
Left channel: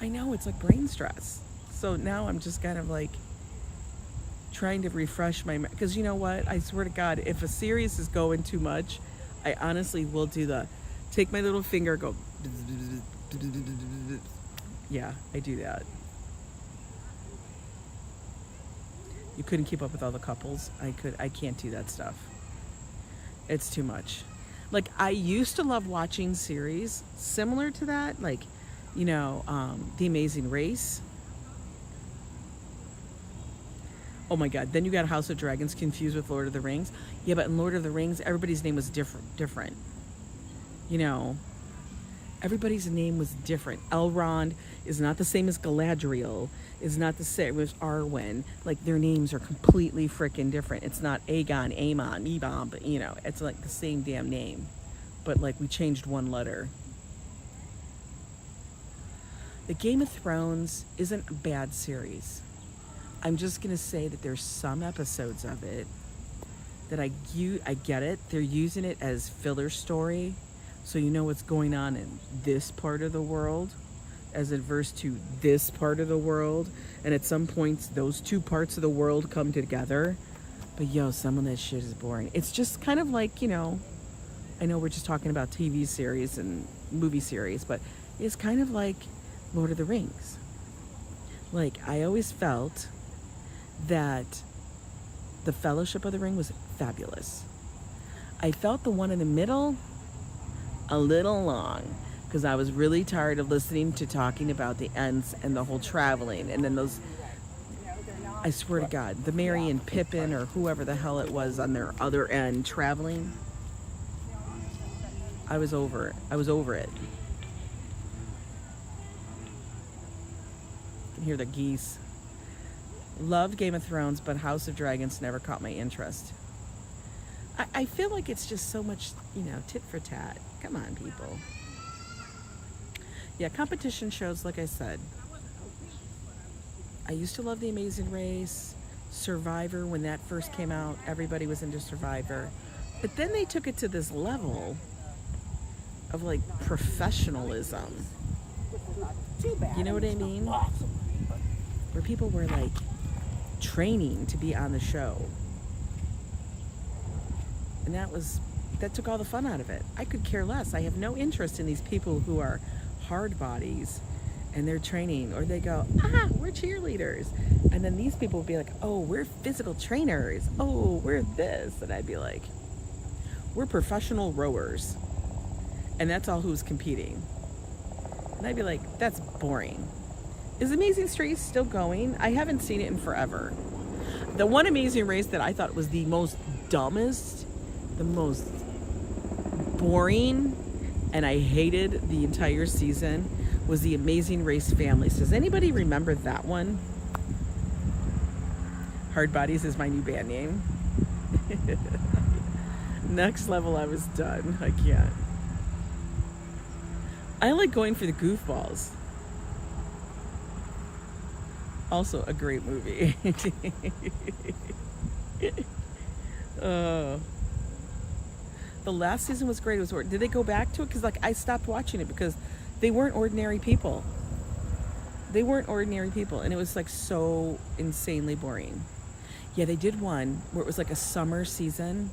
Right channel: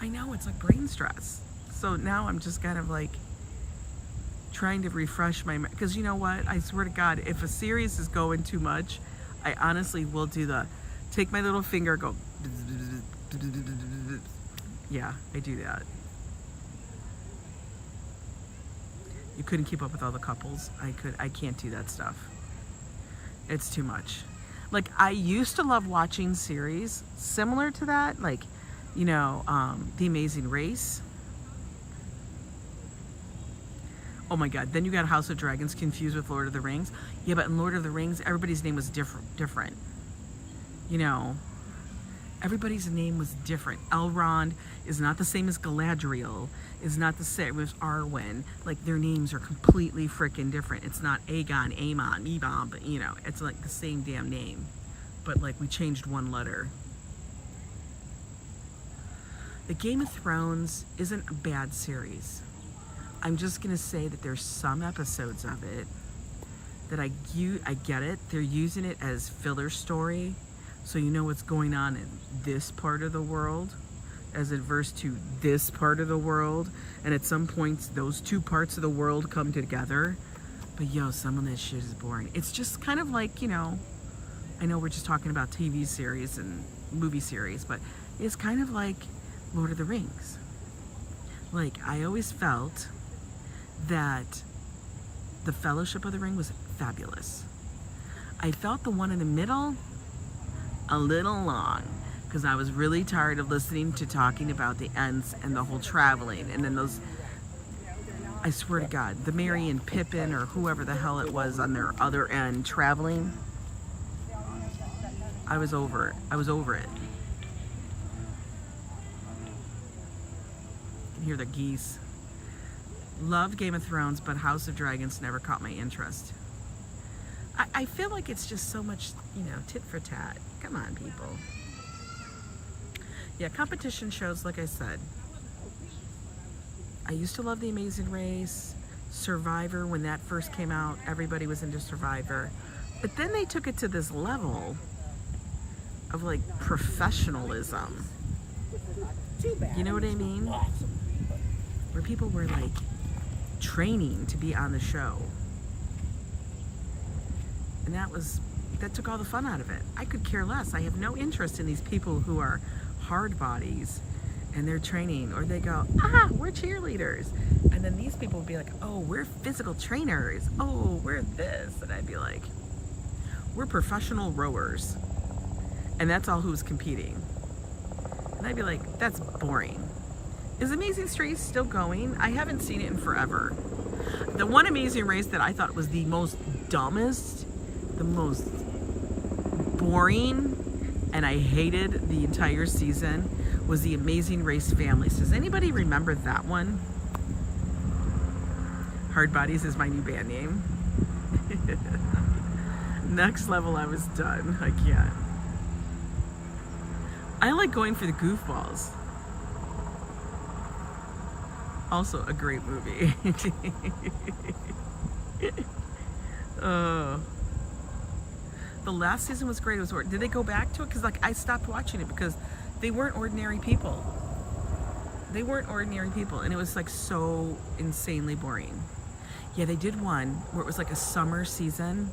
I know, it's like brain stress. So now I'm just kind of like trying to refresh my mind. Because you know what? I swear to God, if a series is going too much, I honestly will do take my little finger, go. Yeah, I do that. You couldn't keep up with all the couples. I can't do that stuff. It's too much. Like, I used to love watching series similar to that, like, you know, The Amazing Race. Oh my God, then you got House of Dragons confused with Lord of the Rings. Yeah, but in Lord of the Rings, everybody's name was different. You know, everybody's name was different. Elrond is not the same as Galadriel, is not the same as Arwen. Like, their names are completely freaking different. It's not Aegon, Aemon, Ebon, but you know, it's like the same damn name. But like, we changed one letter. The Game of Thrones isn't a bad series. I'm just gonna say that there's some episodes of it that I get it. They're using it as filler story, so you know what's going on in this part of the world as adverse to this part of the world. And at some points, those two parts of the world come together. But yo, some of that shit is boring. It's just kind of like, you know, I know we're just talking about TV series and movie series, but it's kind of like Lord of the Rings. Like, I always felt that the Fellowship of the Ring was fabulous. I felt the one in the middle a little long, because I was really tired of listening to talking about the Ents and the whole traveling, and then those, I swear to God, the Merry and Pippin or whoever the hell it was on their other end traveling. I was over it. I was over it. You can hear the geese. Loved Game of Thrones, but House of Dragons never caught my interest. I feel like it's just so much, you know, tit for tat. Come on, people. Yeah, competition shows, like I said. I used to love The Amazing Race, Survivor. When that first came out, everybody was into Survivor. But then they took it to this level of like professionalism. You know what I mean? Where people were like training to be on the show. And that took all the fun out of it. I could care less. I have no interest in these people who are hard bodies and they're training, or they go, we're cheerleaders. And then these people would be like, oh, we're physical trainers. Oh, we're this. And I'd be like, we're professional rowers. And that's all who's competing. And I'd be like, that's boring. Is Amazing Race still going? I haven't seen it in forever. The one Amazing Race that I thought was the most dumbest, the most boring, and I hated the entire season was the Amazing Race Families. Does anybody remember that one? Hard Bodies is my new band name. Next Level, I was done. I can't. I like going for the goofballs. Also a great movie. The last season was great. It was, did they go back to it? Because like I stopped watching it because they weren't ordinary people. They weren't ordinary people, and it was like so insanely boring. Yeah, they did one where it was like a summer season,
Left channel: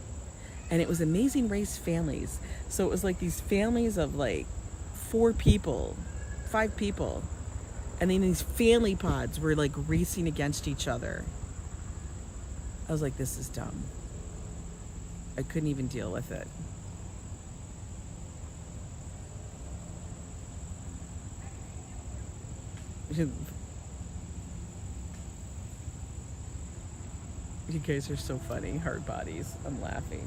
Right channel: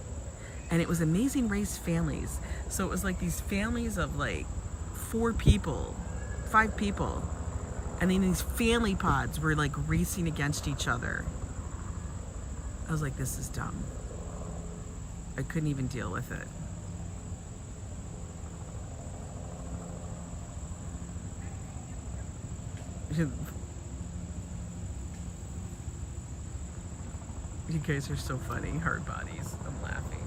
and it was Amazing Race Families. So it was like these families of like 4 people, 5 people, and then these family pods were like racing against each other. I was like, this is dumb. I couldn't even deal with it. You guys are so funny. Hard bodies. I'm laughing.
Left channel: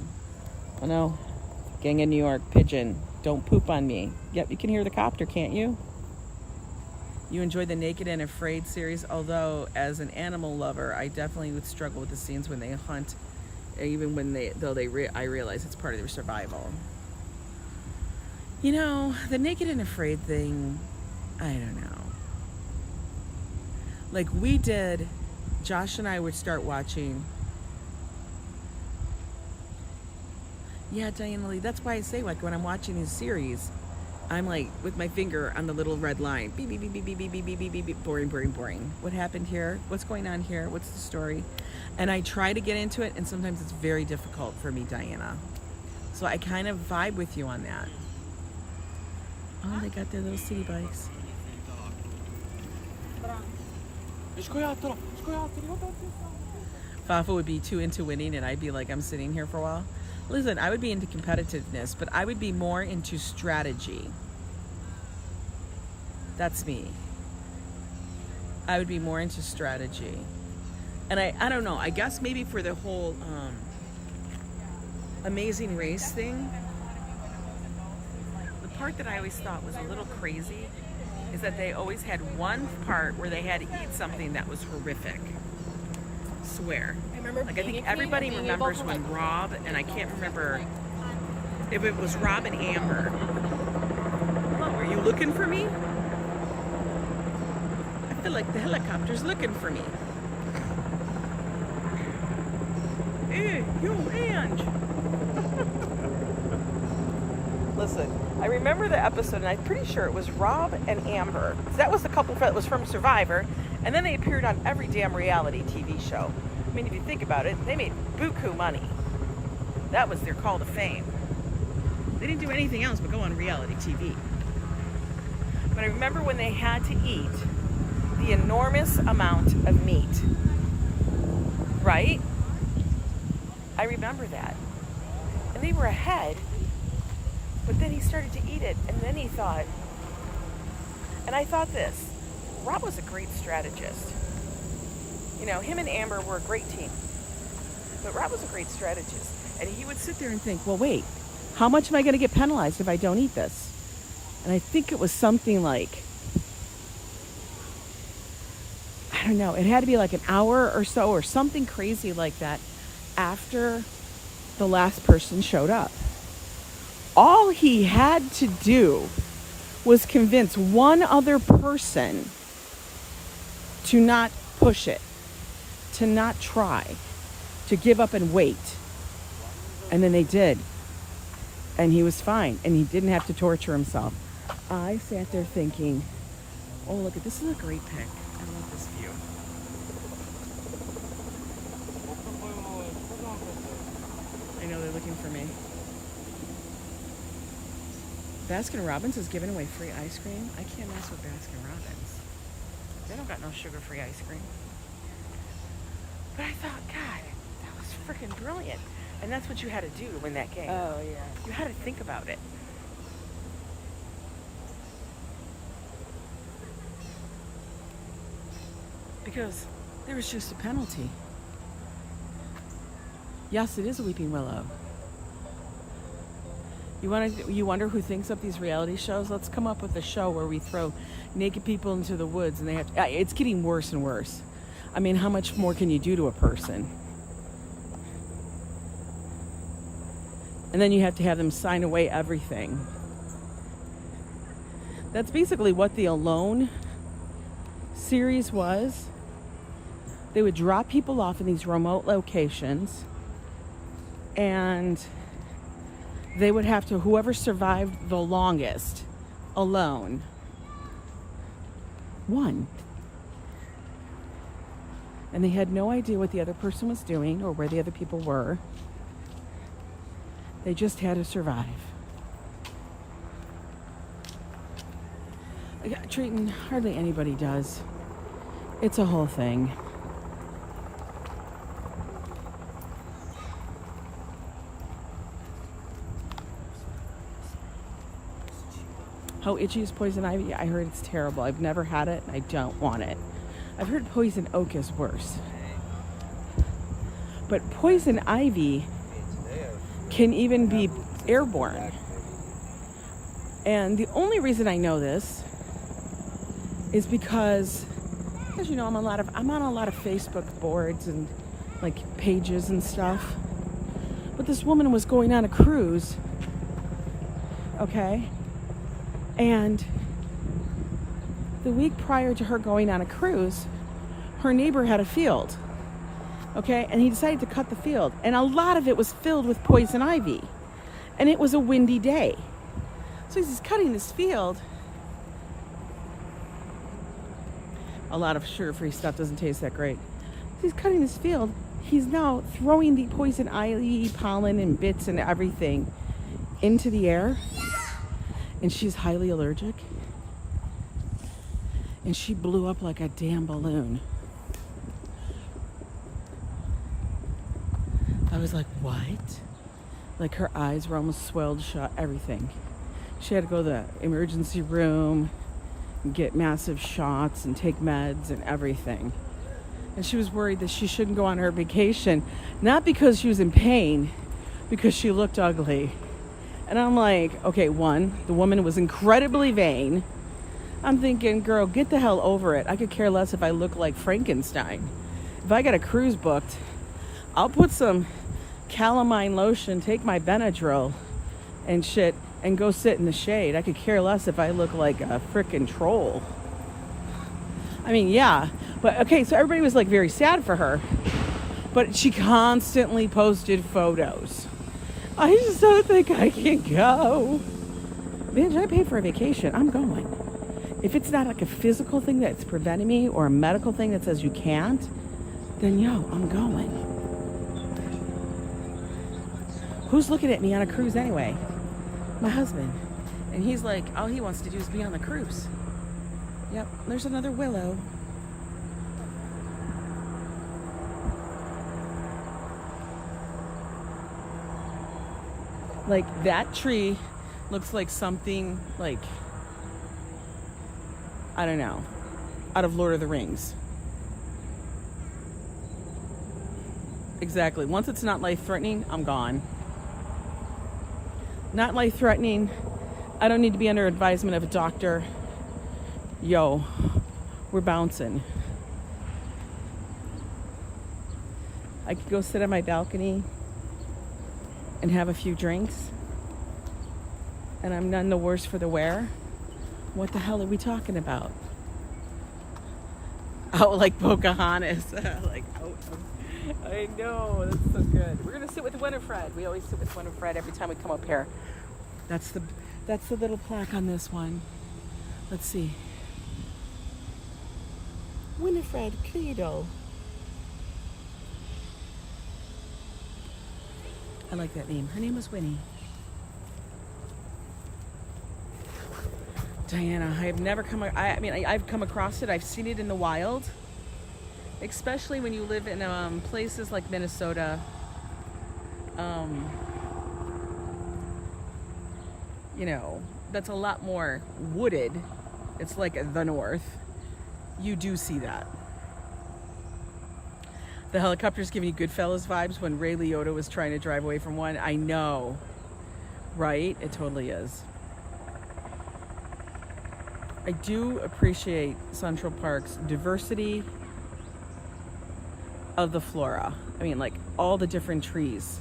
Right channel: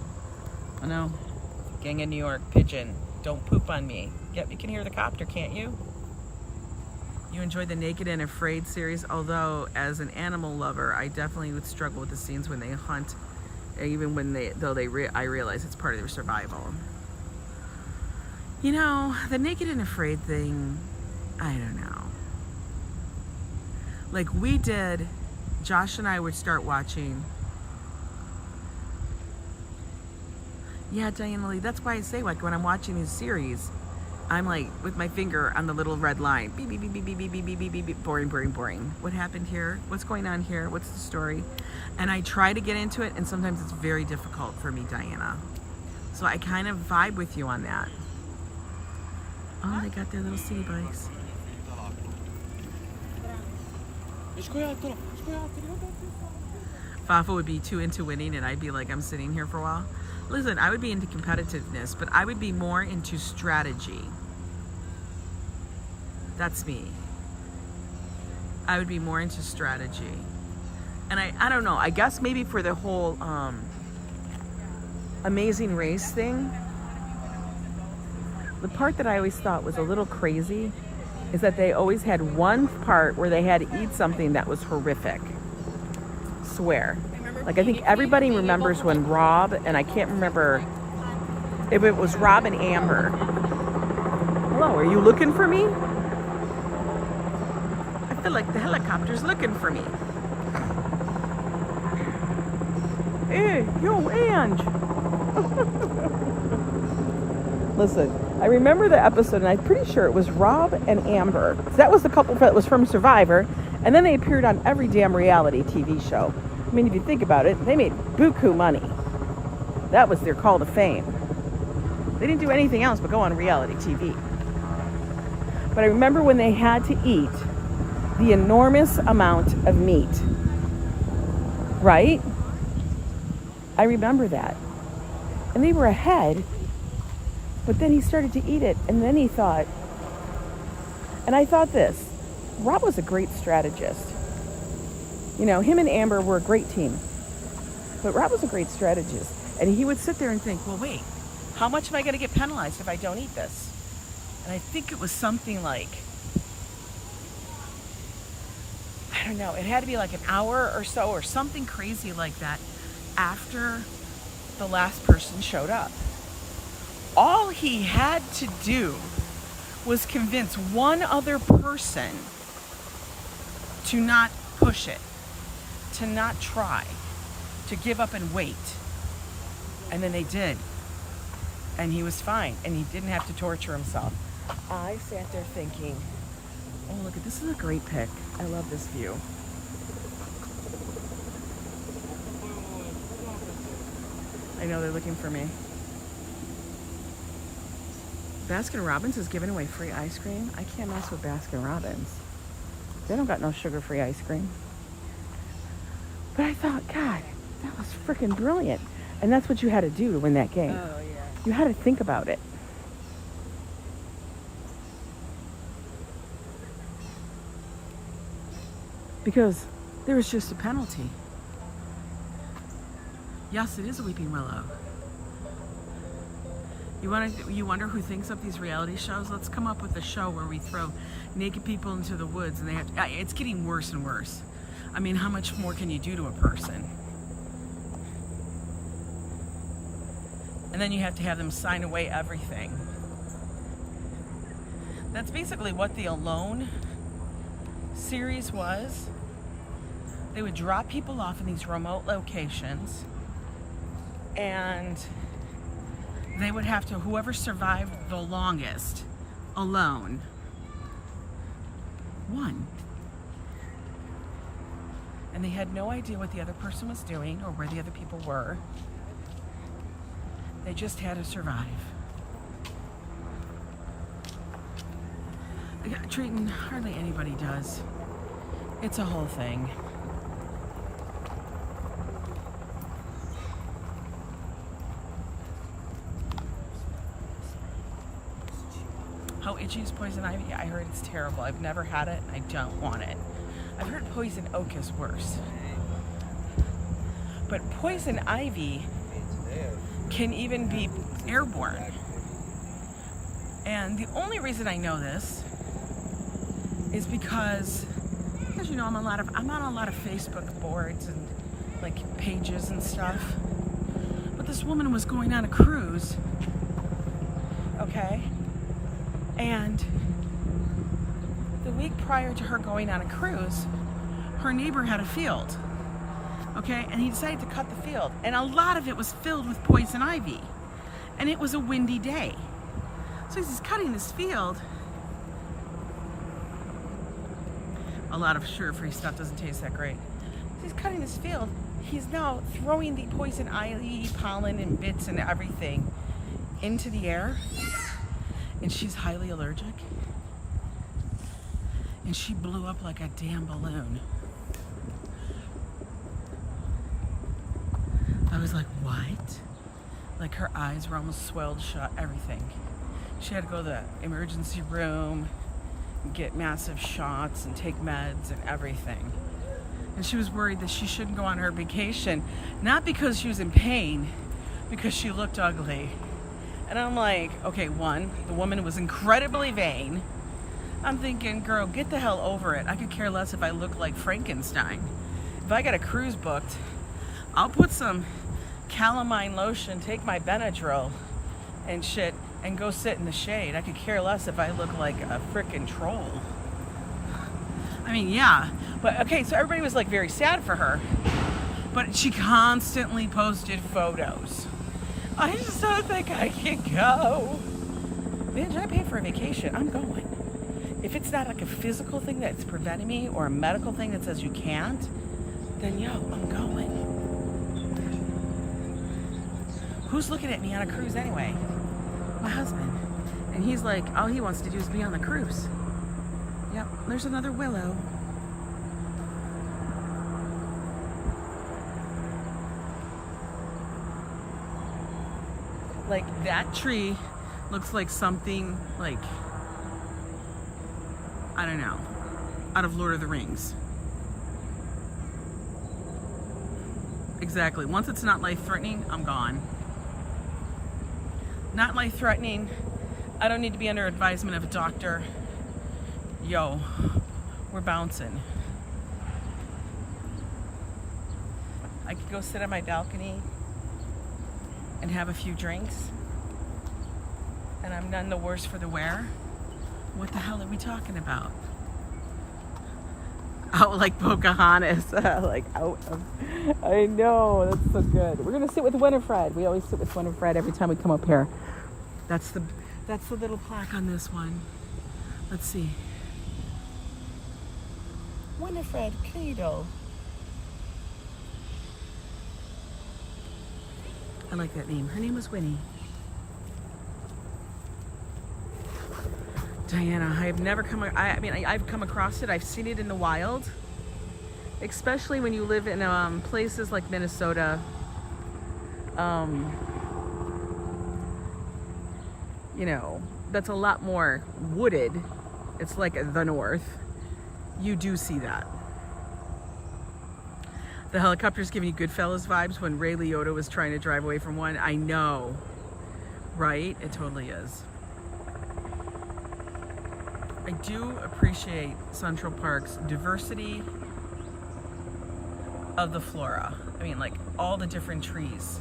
Oh no. Gang of New York, pigeon. Don't poop on me. Yep, you can hear the copter, can't you? You enjoyed the Naked and Afraid series, although as an animal lover, I definitely would struggle with the scenes when they hunt, even when I realize it's part of their survival. You know, the Naked and Afraid thing, I don't know. Like we did, Josh and I would start watching. Yeah, Diana Lee, that's why I say like when I'm watching these series, I'm like with my finger on the little red line. Beep, beep, beep, beep, beep, beep, beep, beep, beep, beep. Boring, boring, boring. What happened here? What's going on here? What's the story? And I try to get into it, and sometimes it's very difficult for me, Diana. So I kind of vibe with you on that. Oh, they got their little city bikes. Fafa would be too into winning, and I'd be like, I'm sitting here for a while. Listen, I would be into competitiveness, but I would be more into strategy. That's me. I would be more into strategy. And I don't know, I guess maybe for the whole Amazing Race thing, the part that I always thought was a little crazy is that they always had one part where they had to eat something that was horrific. Swear. Like I think everybody remembers when Rob, and I can't remember if it was Rob and Amber. Hello, are you looking for me? I feel like the helicopter's looking for me. Hey, yo, Ange. Listen, I remember the episode, and I'm pretty sure it was Rob and Amber. That was the couple that was from Survivor, and then they appeared on every damn reality TV show. I mean, if you think about it, they made buku money. That was their call to fame. They didn't do anything else but go on reality TV. But I remember when they had to eat the enormous amount of meat. Right? I remember that. And they were ahead, but then he started to eat it, and then he thought, and I thought this, Rob was a great strategist. You know, him and Amber were a great team, but Rob was a great strategist. And he would sit there and think, well, wait, how much am I going to get penalized if I don't eat this? And I think it was something like, I don't know, it had to be like an hour or so or something crazy like that after the last person showed up. All he had to do was convince one other person to not push it, to not try, to give up and wait. And then they did. And he was fine. And he didn't have to torture himself. I sat there thinking, oh, look at this is a great pic. I love this view. I know they're looking for me. Baskin Robbins is giving away free ice cream. I can't mess with Baskin Robbins. They don't got no sugar-free ice cream. But I thought, God, that was freaking brilliant. And that's what you had to do to win that game. Oh, yeah. You had to think about it. Because there was just a penalty. Yes, it is a weeping willow. You wonder who thinks up these reality shows? Let's come up with a show where we throw naked people into the woods and they have it's getting worse and worse. I mean, how much more can you do to a person? And then you have to have them sign away everything. That's basically what the Alone series was. They would drop people off in these remote locations, and they would have to, whoever survived the longest alone won. And they had no idea what the other person was doing or where the other people were. They just had to survive. Treating hardly anybody does. It's a whole thing. How itchy is poison ivy? I heard it's terrible. I've never had it and I don't want it. I've heard poison oak is worse. But poison ivy can even be airborne. And the only reason I know this is because, as you know, I'm on a lot of Facebook boards and like pages and stuff. But this woman was going on a cruise, okay? And the week prior to her going on a cruise, her neighbor had a field, okay? And he decided to cut the field. And a lot of it was filled with poison ivy. And it was a windy day. So he's cutting this field. A lot of sugar-free stuff doesn't taste that great. So he's cutting this field. He's now throwing the poison ivy, pollen, and bits and everything into the air. And she's highly allergic. And she blew up like a damn balloon. I was like, what? Like her eyes were almost swelled shut, everything. She had to go to the emergency room and get massive shots and take meds and everything. And she was worried that she shouldn't go on her vacation, not because she was in pain, because she looked ugly. And I'm like, okay, one, the woman was incredibly vain. I'm thinking, girl, get the hell over it. I could care less if I look like Frankenstein. If I got a cruise booked, I'll put some calamine lotion, take my Benadryl and shit, and go sit in the shade. I could care less if I look like a frickin' troll. I mean, yeah, but okay, so everybody was like very sad for her. But she constantly posted photos. I just don't think I can go. Man, should I pay for a vacation? I'm going. If it's not like a physical thing that's preventing me or a medical thing that says you can't, then yo, I'm going. Who's looking at me on a cruise anyway? My husband. And he's like, all he wants to do is be on the cruise. Yep, there's another willow. Like that tree looks like something like, I don't know, out of Lord of the Rings. Exactly. Once it's not life-threatening, I'm gone. Not life-threatening. I don't need to be under advisement of a doctor. Yo, we're bouncing. I could go sit on my balcony and have a few drinks, and I'm none the worse for the wear. What the hell are we talking about? Out like Pocahontas. Like out of, I know, that's so good. We're gonna sit with Winifred. We always sit with Winifred every time we come up here. That's the little plaque on this one. Let's see. Winifred Credo. I like that name. Her name was Winnie. Diana, I have never come, I've come across it. I've seen it in the wild, especially when you live in places like Minnesota. You know, that's a lot more wooded. It's like the north. You do see that. The helicopter's giving you Goodfellas vibes when Ray Liotta was trying to drive away from one. I know, right? It totally is. I do appreciate Central Park's diversity of the flora. I mean, like all the different trees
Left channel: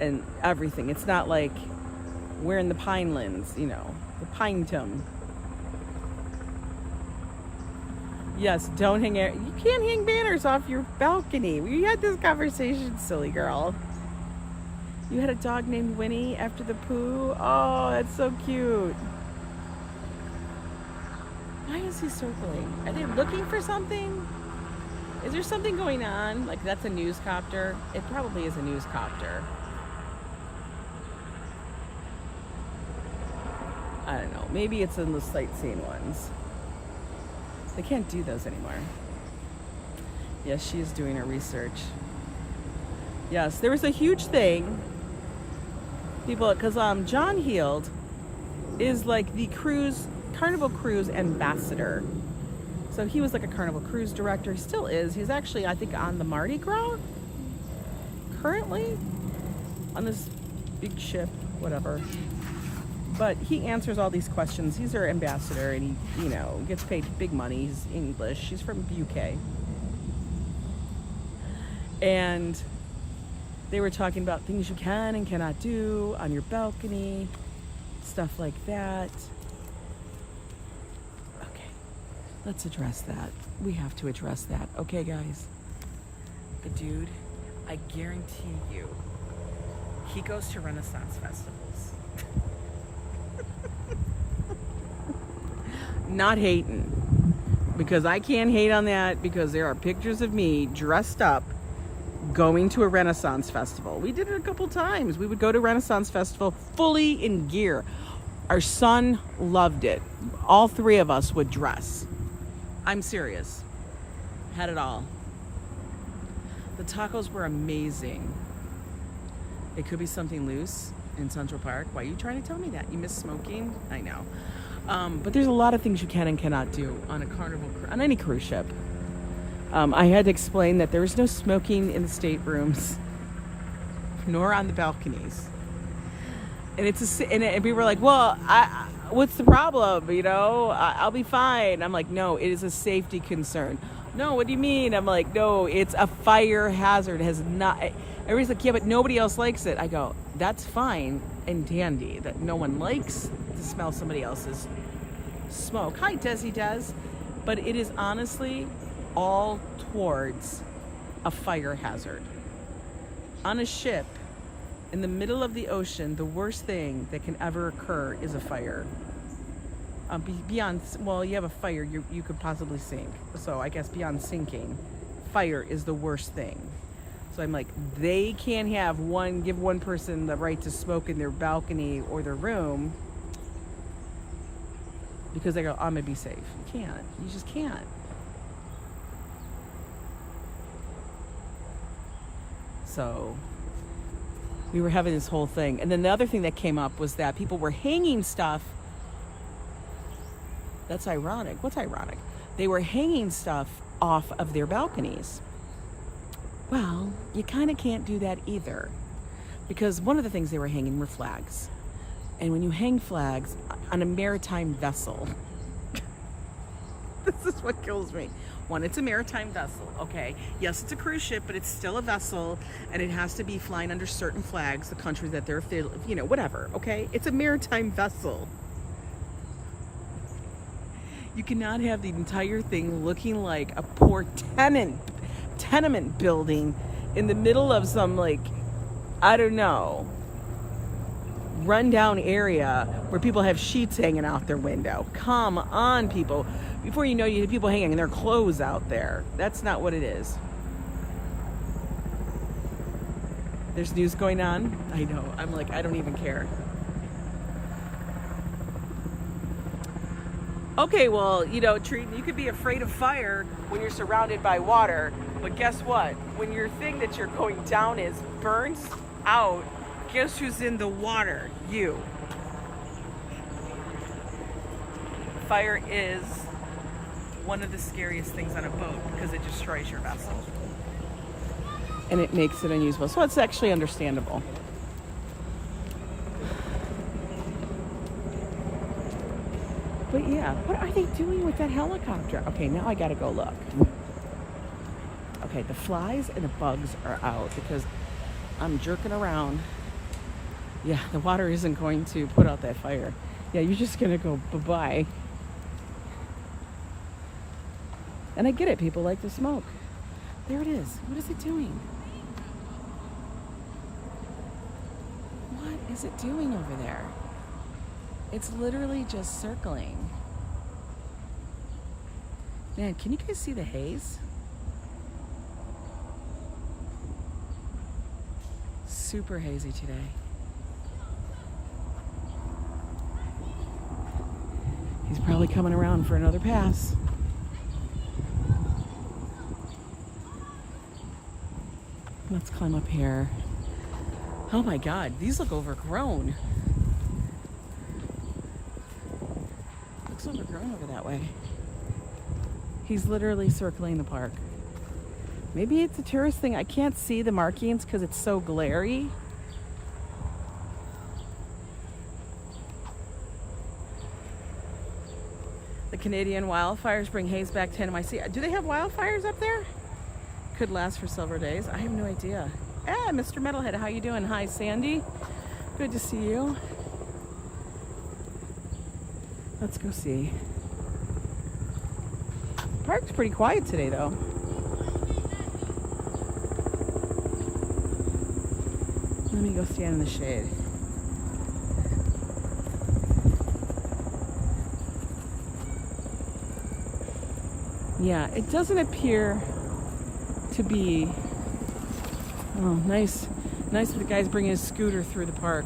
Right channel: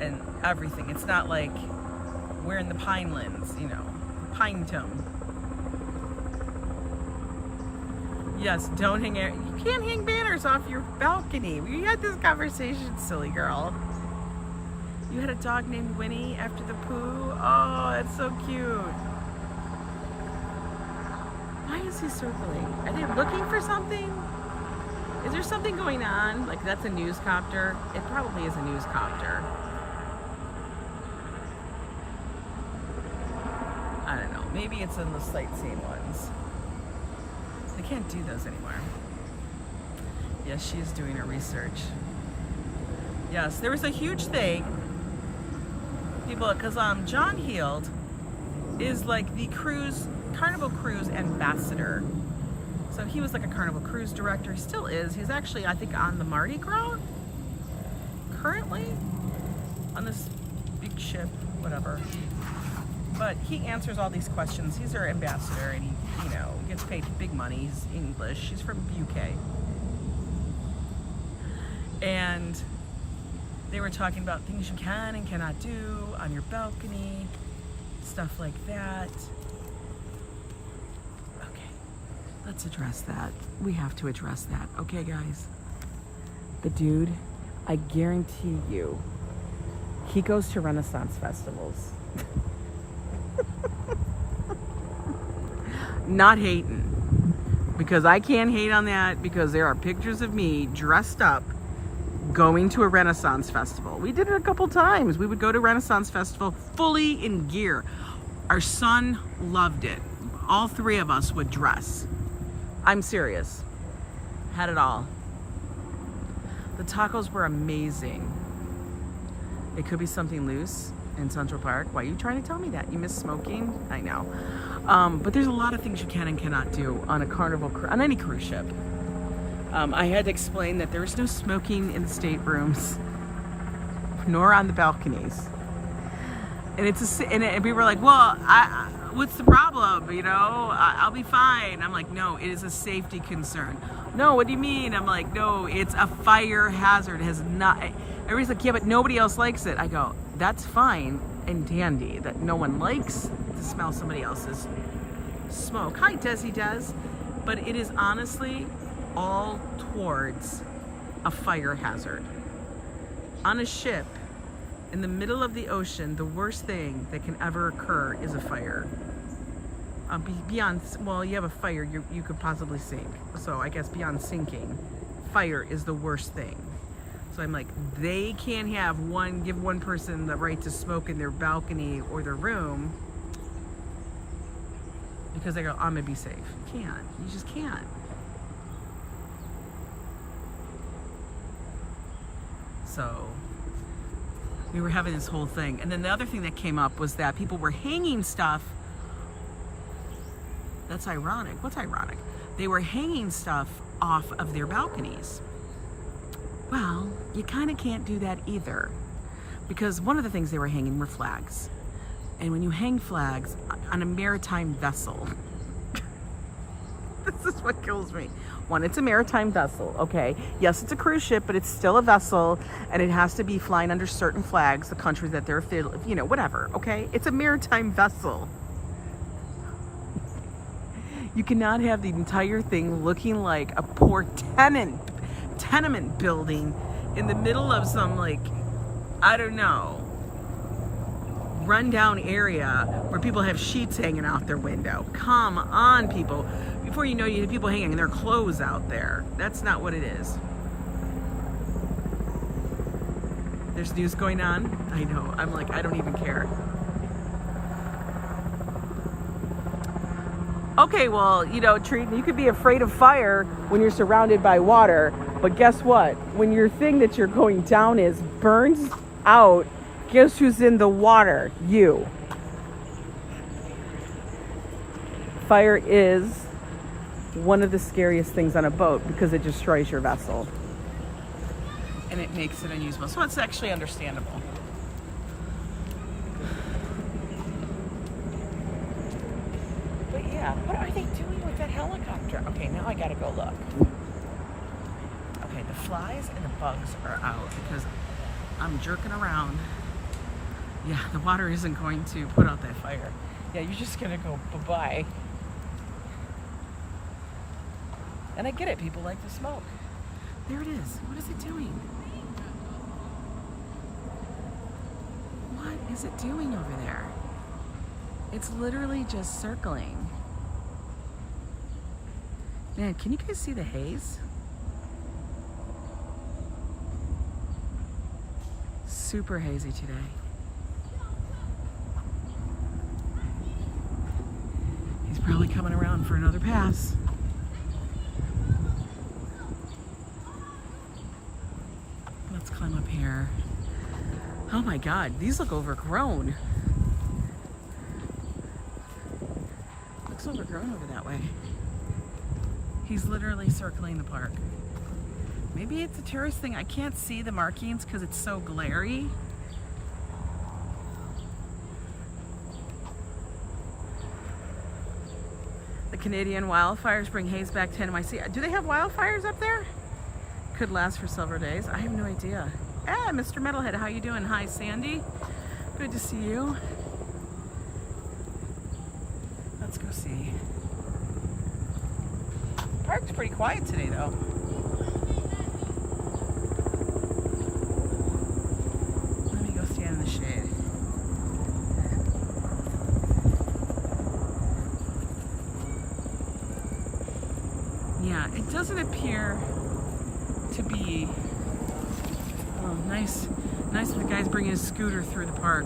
and everything. It's not like we're in the Pinelands, you know, the Pinetum. Yes, don't hang air. You can't hang banners off your balcony. We had this conversation, silly girl. You had a dog named Winnie after the poo. Oh, that's so cute. Why is he circling? Are they looking for something? Is there something going on? Like that's a news copter? It probably is a news copter. I don't know. Maybe it's in the sightseeing ones. They can't do those anymore. Yes, she is doing her research. Yes, there was a huge thing. People, because John Heald is like the Carnival Cruise ambassador. So he was like a Carnival Cruise director. He still is. He's actually, I think, on the Mardi Gras currently on this big ship, whatever. But he answers all these questions. He's our ambassador, and he, you know, gets paid big money. He's English. He's from UK. And they were talking about things you can and cannot do on your balcony, stuff like that. Okay, let's address that. We have to address that. Okay, guys. The dude, I guarantee you, he goes to Renaissance festivals. Not hating, because I can't hate on that, because there are pictures of me dressed up going to a Renaissance festival. We did it a couple times. We would go to Renaissance festival fully in gear. Our son loved it. All three of us would dress. I'm serious. Had it all. The tacos were amazing. It could be something loose in Central Park. Why are you trying to tell me that? You miss smoking? I know. But there's a lot of things you can and cannot do on a Carnival, on any cruise ship. I had to explain that there is no smoking in the staterooms, nor on the balconies. And and we were like, well, what's the problem? You know, I'll be fine. I'm like, no, it is a safety concern. No, what do you mean? I'm like, no, it's a fire hazard. It has not. Everybody's like, yeah, but nobody else likes it. I go, that's fine and dandy that no one likes to smell somebody else's smoke. Hi, Desi Des. But it is honestly all towards a fire hazard. On a ship, in the middle of the ocean, the worst thing that can ever occur is a fire. Beyond, well, you have a fire, you could possibly sink. So I guess beyond sinking, fire is the worst thing. So I'm like, they can't give one person the right to smoke in their balcony or their room because they go, I'm gonna be safe. You can't, you just can't. So we were having this whole thing. And then the other thing that came up was that people were hanging stuff. That's ironic. What's ironic? They were hanging stuff off of their balconies. Well, you kind of can't do that either, because one of the things they were hanging were flags. And when you hang flags on a maritime vessel, this is what kills me. One, it's a maritime vessel, okay? Yes, it's a cruise ship, but it's still a vessel, and it has to be flying under certain flags, the countries that they're, you know, whatever, okay? It's a maritime vessel. You cannot have the entire thing looking like a poor tenement building in the middle of some, like, I don't know, rundown area where people have sheets hanging out their window. Come on, people. Before you know, you have people hanging their clothes out there. That's not what it is. There's news going on. I know. I'm like, I don't even care. Okay, well, you know, you could be afraid of fire when you're surrounded by water, but guess what? When your thing that you're going down is burns out, guess who's in the water? You. Fire is one of the scariest things on a boat because it destroys your vessel and it makes it unusable. So it's actually understandable. But yeah, what are they doing with that helicopter? Okay, now I gotta go look. Okay, the flies and the bugs are out because I'm jerking around. Yeah, the water isn't going to put out that fire. Yeah, you're just gonna go bye-bye. And I get it, people like to smoke. There it is. What is it doing? What is it doing over there? It's literally just circling. Man, can you guys see the haze? Super hazy today. He's probably coming around for another pass. Let's climb up here. Oh my God, these look overgrown. Looks overgrown over that way. He's literally circling the park. Maybe it's a tourist thing. I can't see the markings because it's so glary. The Canadian wildfires bring haze back to NYC. Do they have wildfires up there? Could last for several days. I have no idea. Mr. Metalhead, how you doing? Hi, Sandy. Good to see you. Let's go see. The park's pretty quiet today, though. Let me go stand in the shade. Yeah, it doesn't appear to be nice if the guy's bringing his scooter through the park.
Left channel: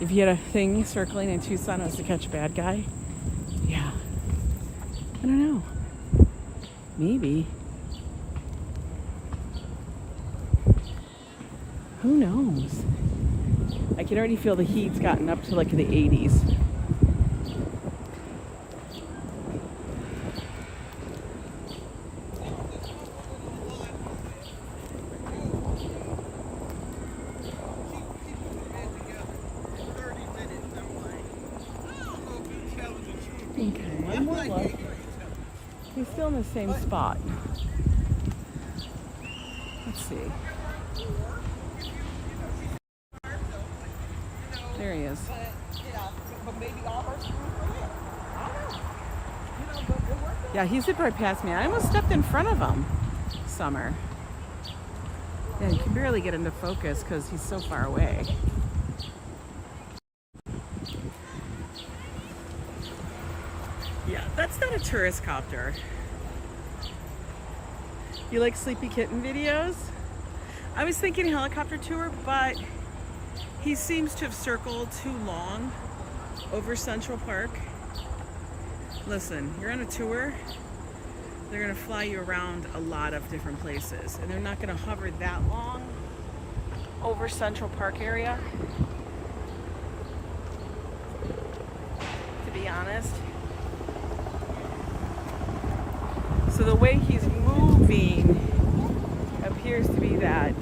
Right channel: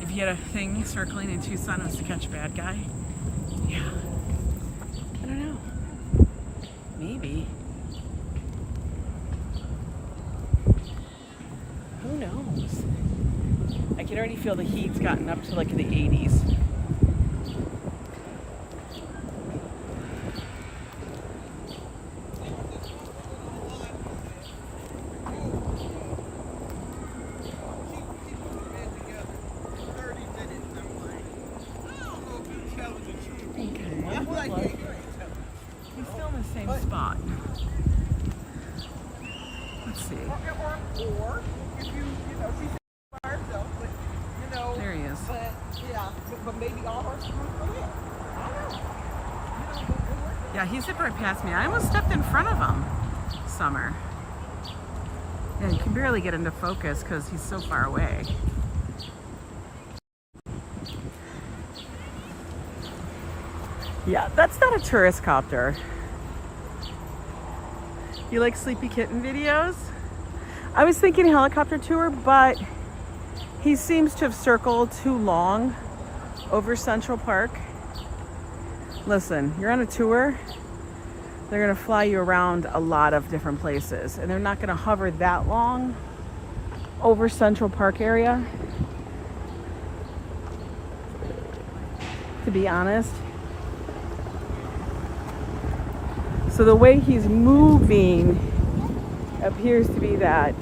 If you had a thing circling in Tucson, it was to catch a bad guy. Yeah, I don't know, maybe, who knows? I can already feel the heat's gotten up to like the 80s. Same spot. Let's see. There he is. Yeah, he zipped right past me. I almost stepped in front of him. Summer. Yeah, you can barely get into focus because he's so far away. Yeah, that's not a tourist copter. You like Sleepy Kitten videos? I was thinking helicopter tour, but he seems to have circled too long over Central Park. Listen, you're on a tour, they're gonna fly you around a lot of different places, and they're not gonna hover that long over Central Park area, to be honest. So the way he's moving appears to be that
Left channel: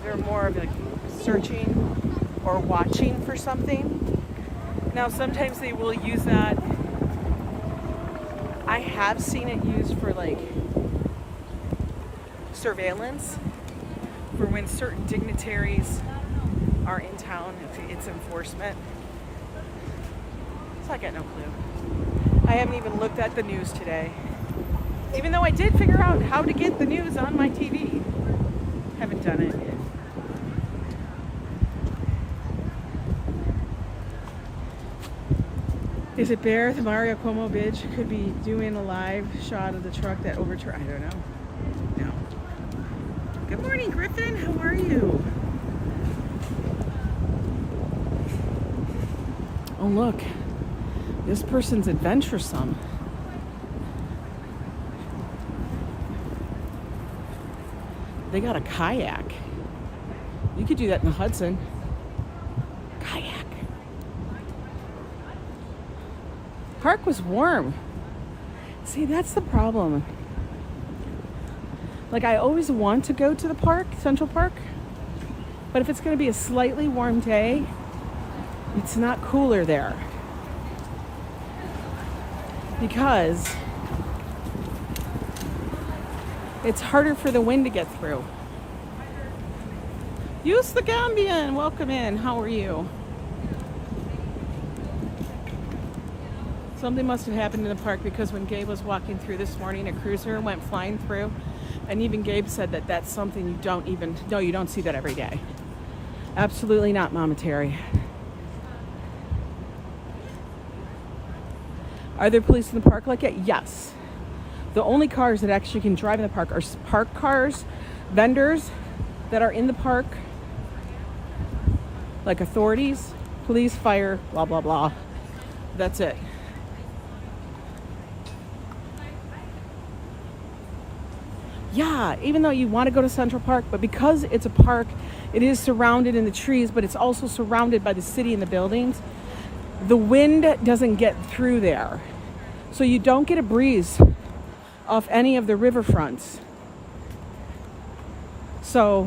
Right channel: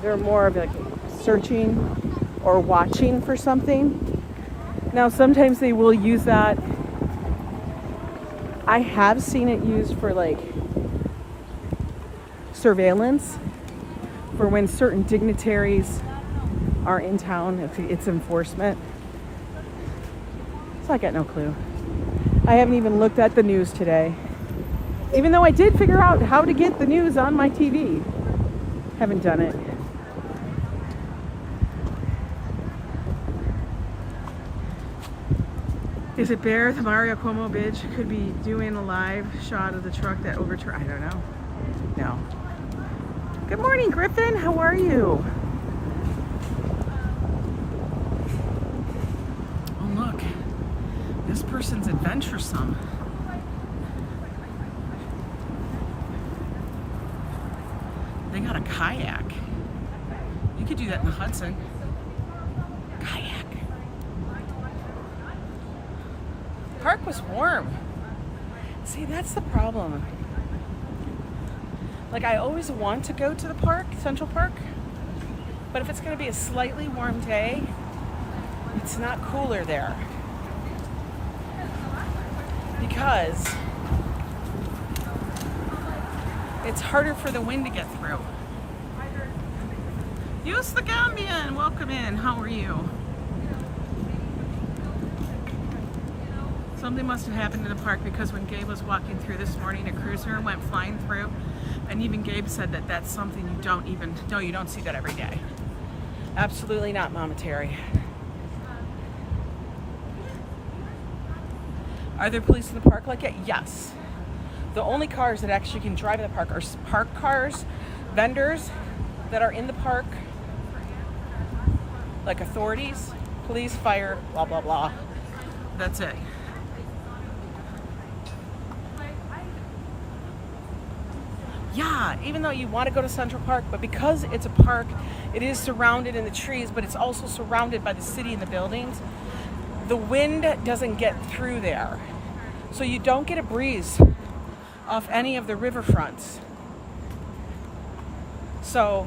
they're more of like searching or watching for something. Now sometimes they will use that. I have seen it used for like surveillance, for when certain dignitaries are in town, if it's enforcement. So I got no clue. I haven't even looked at the news today. Even though I did figure out how to get the news on my TV. Haven't done it. Is it Bear, the Mario Cuomo bitch, could be doing a live shot of the truck that overturned? I don't know. No. Good morning, Griffin. How are you? Oh, look. This person's adventuresome. They got a kayak. You could do that in the Hudson. Kayak. Park was warm. See, that's the problem. Like, I always want to go to the park, Central Park, but if it's going to be a slightly warm day, it's not cooler there. Because it's harder for the wind to get through. Use the Gambian, welcome in. How are you? Something must have happened in the park, because when Gabe was walking through this morning, a cruiser went flying through, and even Gabe said that that's something you don't even, no, you don't see that every day. Absolutely not, Mama Terry. Are there police in the park like it? Yes. The only cars that actually can drive in the park are park cars, vendors that are in the park, like authorities, police, fire, blah, blah, blah. That's it. Yeah, even though you want to go to Central Park, but because it's a park, it is surrounded in the trees, but it's also surrounded by the city and the buildings. The wind doesn't get through there. So you don't get a breeze off any of the riverfronts. So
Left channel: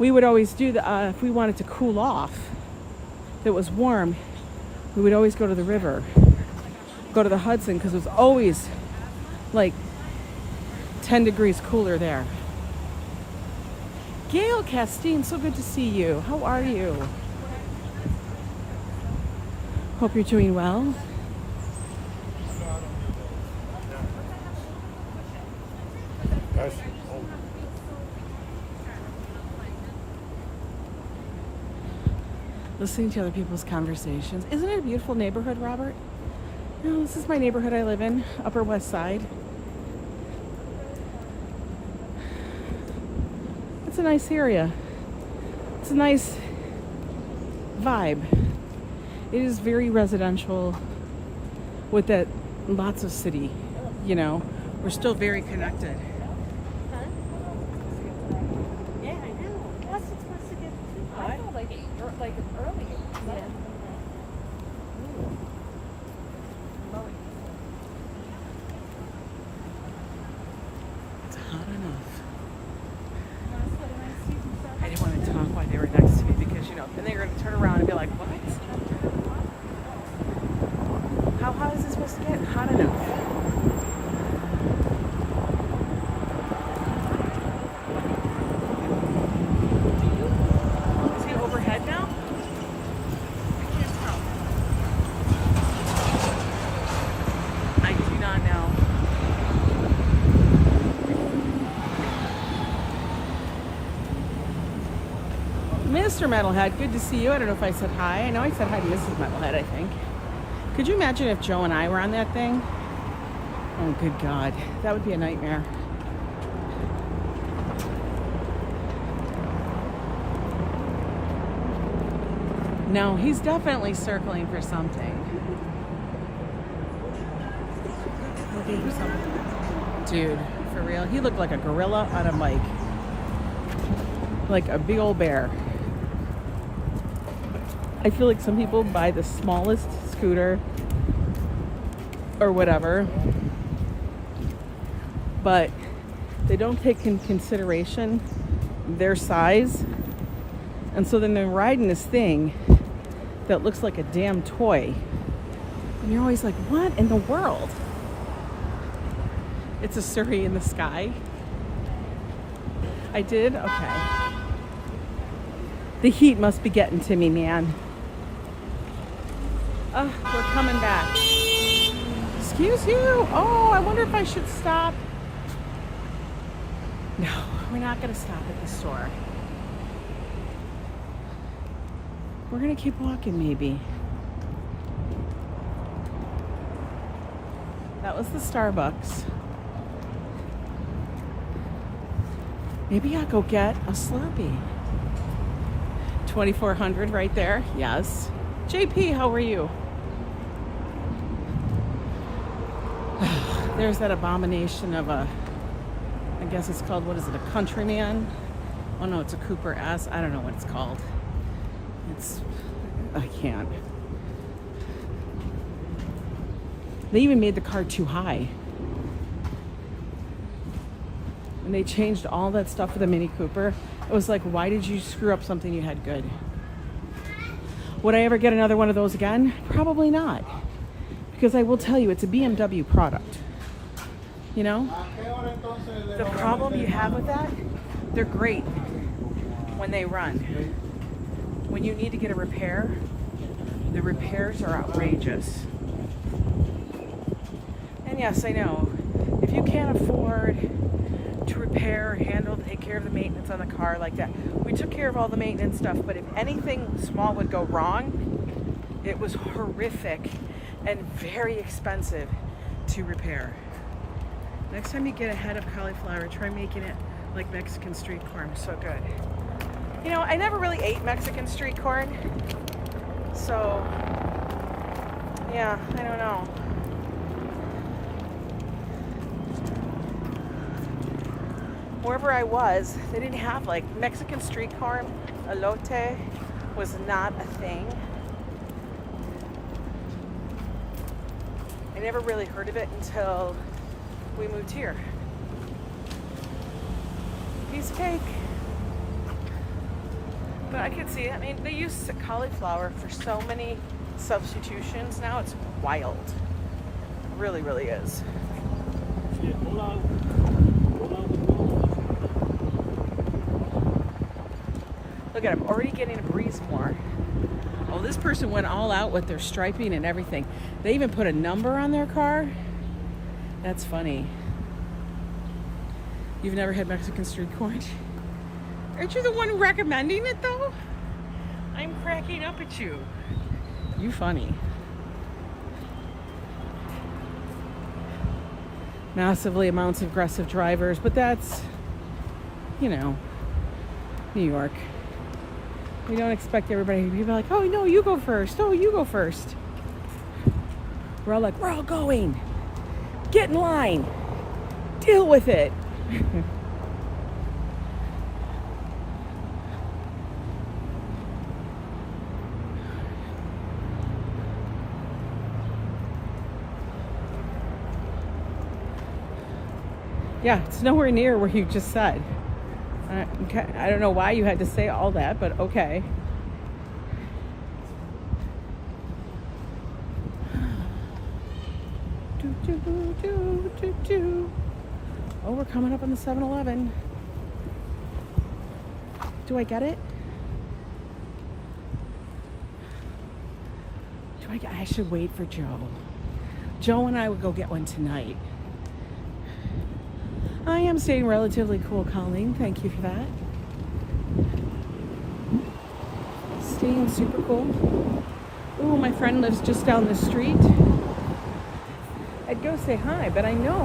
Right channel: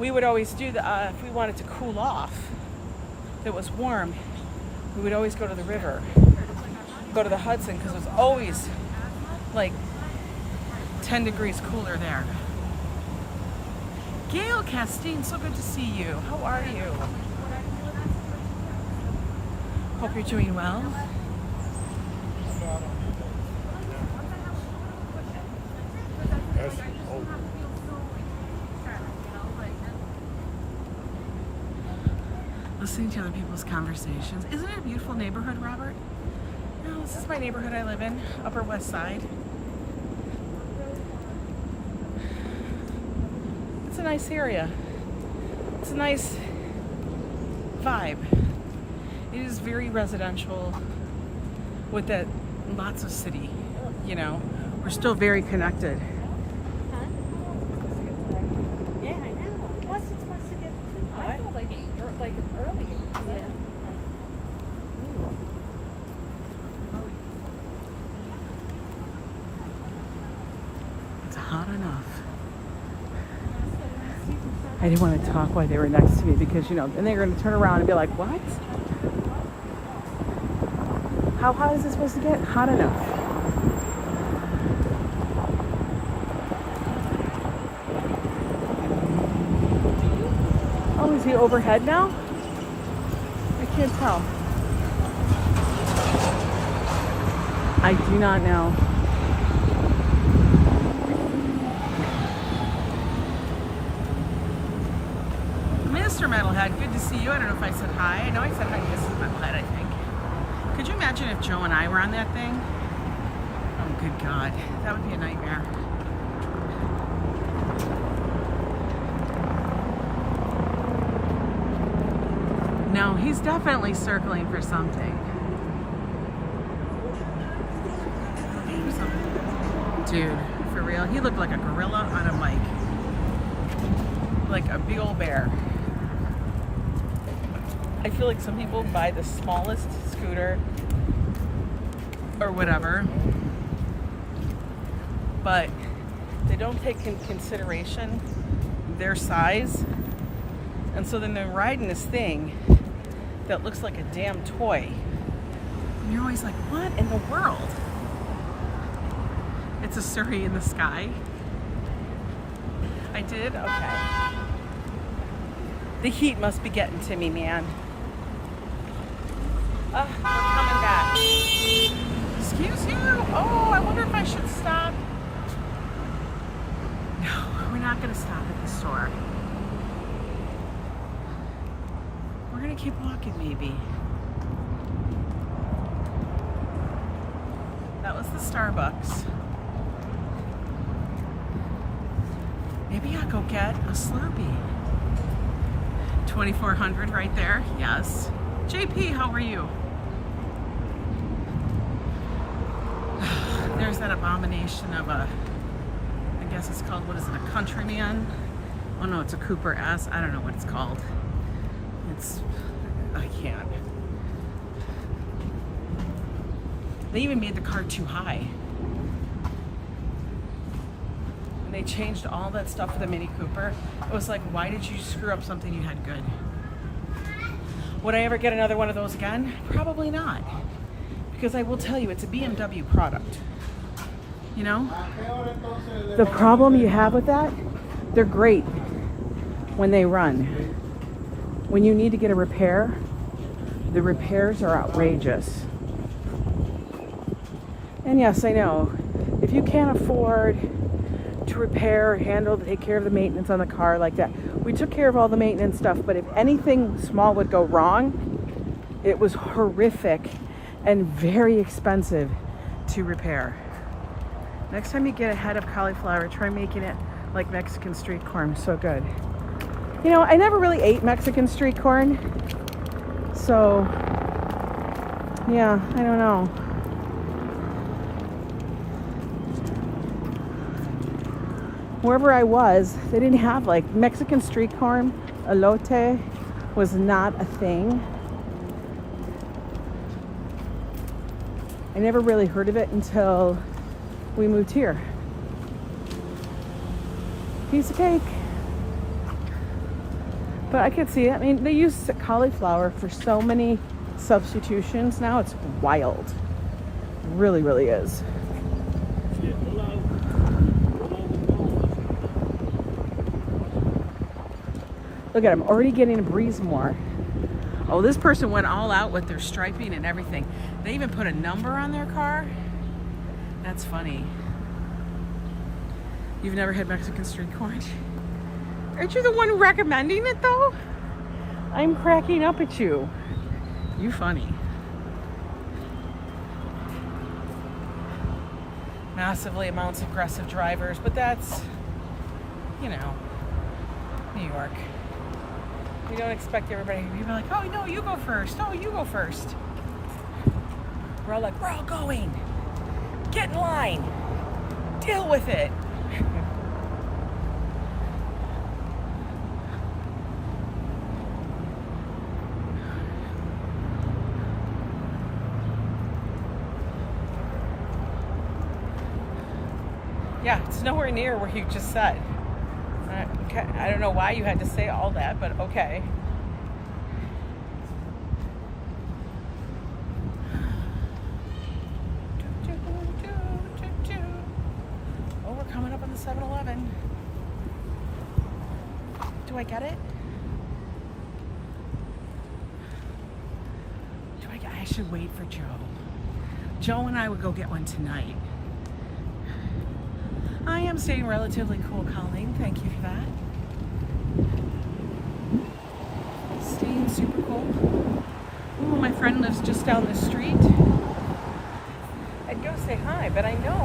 we would always do that if we wanted to cool off, if it was warm, we would always go to the river, go to the Hudson, because it was always like 10 degrees cooler there. Gail Castine, so good to see you. How are you? Hope you're doing well. Listening to other people's conversations. Isn't it a beautiful neighborhood, Robert? No, this is my neighborhood I live in, Upper West Side. It's a nice area. It's a nice vibe. It is very residential with that lots of city, you know. We're still very connected. Yeah, I know. Plus, it's supposed to get I feel like early. Yeah. It's hot enough. I didn't want to talk while they were next to me, because, you know, then they're going to turn around and be like, what? How hot is it supposed to get? Hot enough. Oh, is he overhead now? I can't tell. Mr. Metalhead, good to see you. I don't know if I said hi. I know I said hi to Mrs. Metalhead, I think. Could you imagine if Joe and I were on that thing? Oh, good God. That would be a nightmare. No, he's definitely circling for something. Looking for something. Dude, for real. He looked like a gorilla on a bike. Like a big old bear. I feel like some people buy the smallest scooter or whatever, but they don't take in consideration their size, and so then they're riding this thing that looks like a damn toy, and you're always like, what in the world? It's a Surrey in the sky. I did? Okay. The heat must be getting to me, man. We're coming back. Excuse you? Oh, I wonder if I should stop. No, we're not gonna stop at the store. We're gonna keep walking, maybe. That was the Starbucks. Maybe I'll go get a Slurpee. 2400 right there. Yes. JP, how are you? There's that abomination of a, I guess it's called, what is it, a Countryman? Oh no, it's a Cooper S. I don't know what it's called. I can't. They even made the car too high. And they changed all that stuff for the Mini Cooper. It was like, why did you screw up something you had good? Would I ever get another one of those again? Probably not. Because I will tell you, it's a BMW product. You know? The problem you have with that, they're great when they run. When you need to get a repair, the repairs are outrageous. And yes, I know, if you can't afford to repair, handle, take care of the maintenance on the car like that, we took care of all the maintenance stuff, but if anything small would go wrong, it was horrific and very expensive to repair. Next time you get a head of cauliflower, try making it like Mexican street corn. So good. You know, I never really ate Mexican street corn, so yeah, I don't know. Wherever I was, they didn't have like Mexican street corn. Elote was not a thing. I never really heard of it until we moved here. Piece of cake. But I could see it. I mean, they use cauliflower for so many substitutions now. It's wild. It really, really is. Look at him, already getting a breeze more. Oh, this person went all out with their striping and everything. They even put a number on their car. That's funny. You've never had Mexican street corn? Aren't you the one recommending it though? I'm cracking up at you. You funny. Massively amounts of aggressive drivers, but that's, you know, New York. You don't expect everybody to be like, oh no, you go first. Oh, you go first. We're all like, we're all going. Get in line. Deal with it. Yeah, it's nowhere near where you just said. Okay, I don't know why you had to say all that, but okay. Oh, we're coming up on the 7-Eleven. Do I get it? I should wait for Joe. Joe and I would go get one tonight. I am staying relatively cool, Colleen. Thank you for that. tasty and super cool. Ooh, my friend lives just down the street. I'd go say hi, but I know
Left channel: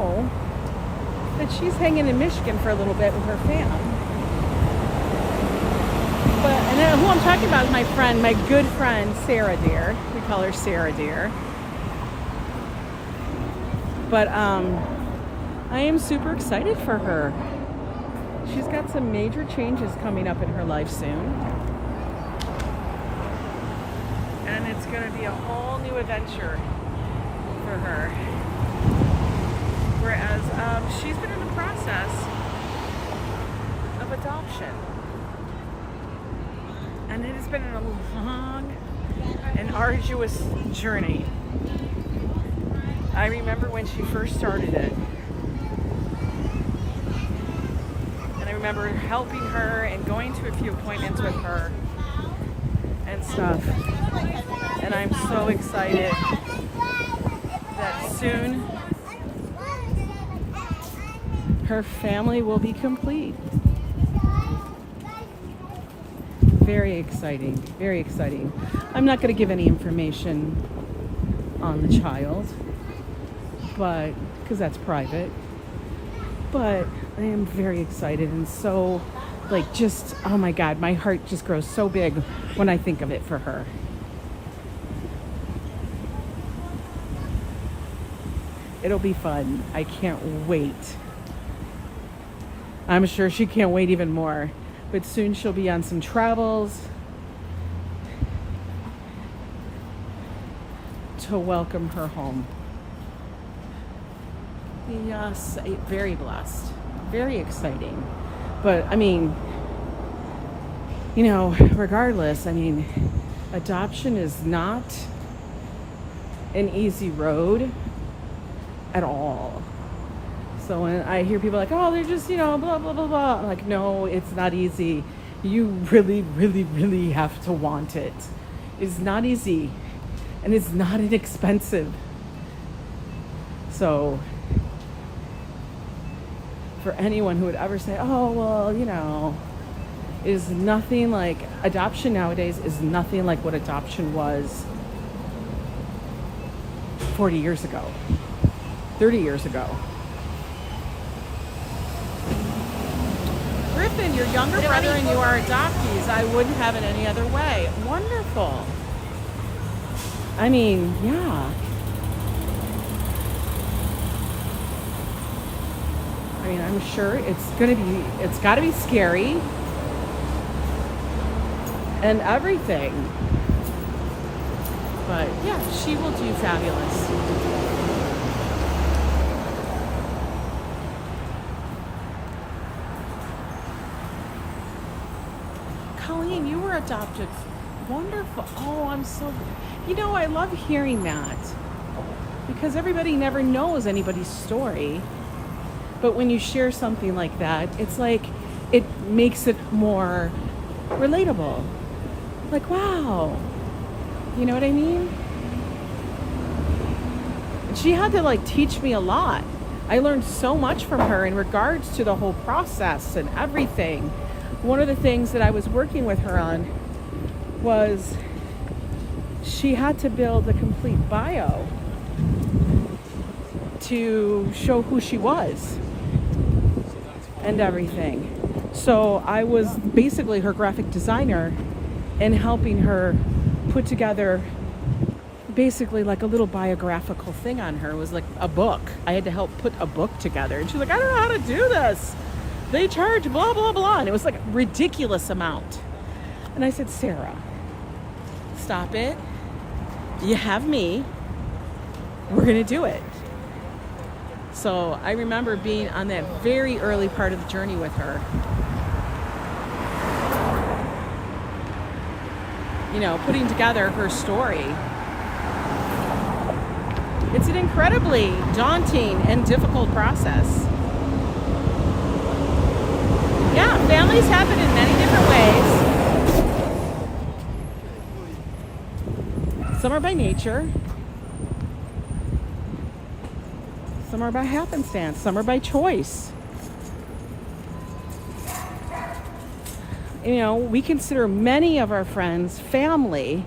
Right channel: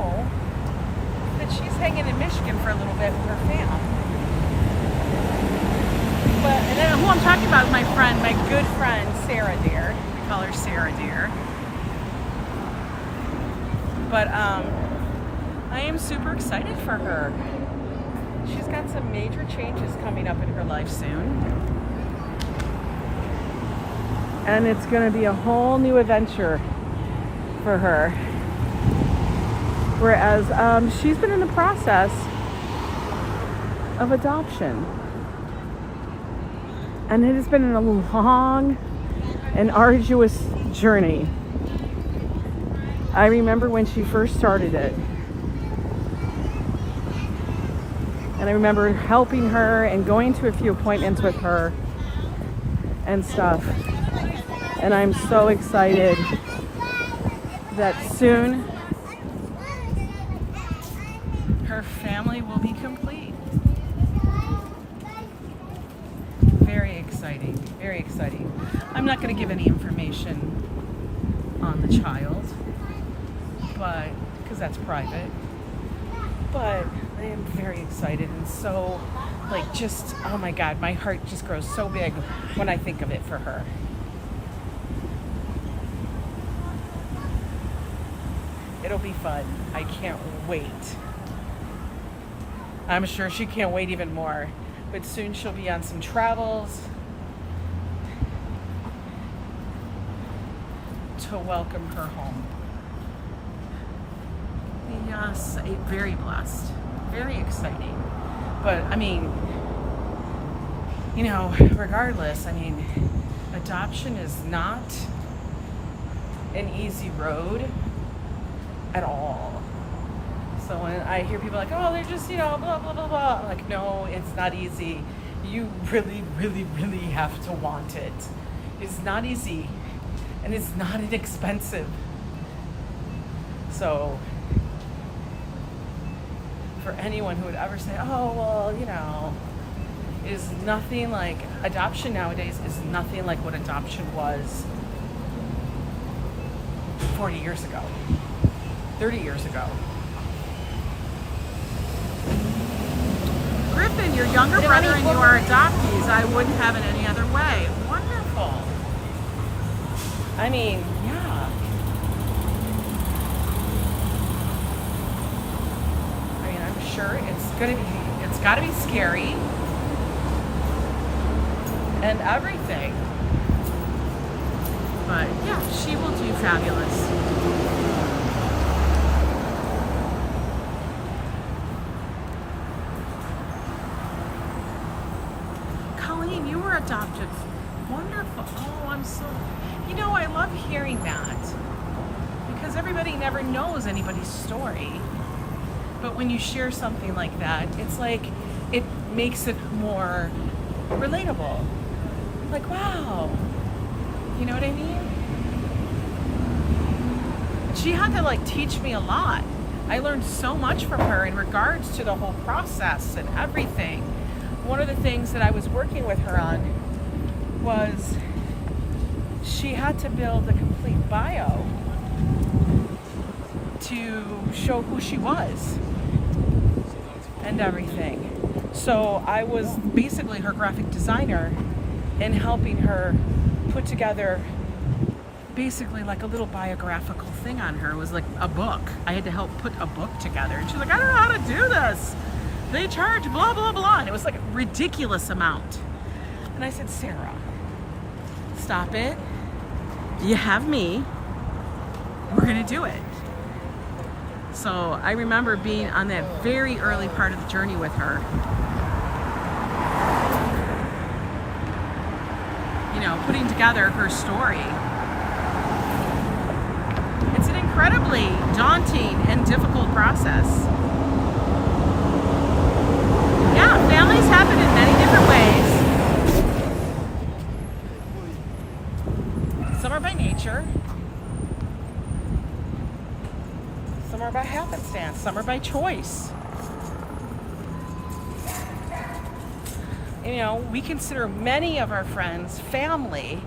that she's hanging in Michigan for a little bit with her fam. But, and who I'm talking about is my friend, my good friend, Sarah Deer. We call her Sarah Deer. But I am super excited for her. She's got some major changes coming up in her life soon. And it's going to be a whole new adventure for her. Whereas she's been in the process of adoption. And it has been a long and arduous journey. I remember when she first started it. And I remember helping her and going to a few appointments with her and stuff. And I'm so excited that soon her family will be complete. Very exciting, very exciting. I'm not going to give any information on the child, but because that's private. But I am very excited and so, like, just, oh my God, my heart just grows so big when I think of it for her. It'll be fun. I can't wait. I'm sure she can't wait even more. But soon she'll be on some travels to welcome her home. Yes, very blessed. Very exciting. But I mean, you know, regardless, I mean, adoption is not an easy road at all. So when I hear people like, oh, they're just, you know, blah, blah, blah, blah. I'm like, no, it's not easy. You really, really, really have to want it. It's not easy and it's not inexpensive. So for anyone who would ever say, oh, well, you know, is nothing like, adoption nowadays is nothing like what adoption was 40 years ago, 30 years ago. Griffin, your younger brother and you are adoptees. I wouldn't have it any other way. Wonderful. I mean, yeah. I mean, I'm sure it's got to be scary and everything. But yeah, she will do fabulous. You were adopted. Wonderful. Oh, I'm so, you know, I love hearing that because everybody never knows anybody's story. But when you share something like that, it's like, it makes it more relatable. Like, wow. You know what I mean? She had to like teach me a lot. I learned so much from her in regards to the whole process and everything. One of the things that I was working with her on was she had to build a complete bio to show who she was and everything. So I was basically her graphic designer and helping her put together basically like a little biographical thing on her. It was like a book. I had to help put a book together. And she's like, I don't know how to do this. They charge blah, blah, blah. And it was like a ridiculous amount. And I said, Sarah, stop it. You have me. We're going to do it. So I remember being on that very early part of the journey with her. You know, putting together her story. It's an incredibly daunting and difficult process. Yeah, families happen in many different ways. Some are by nature. Some are by happenstance. Some are by choice. you know, we consider many of our friends family,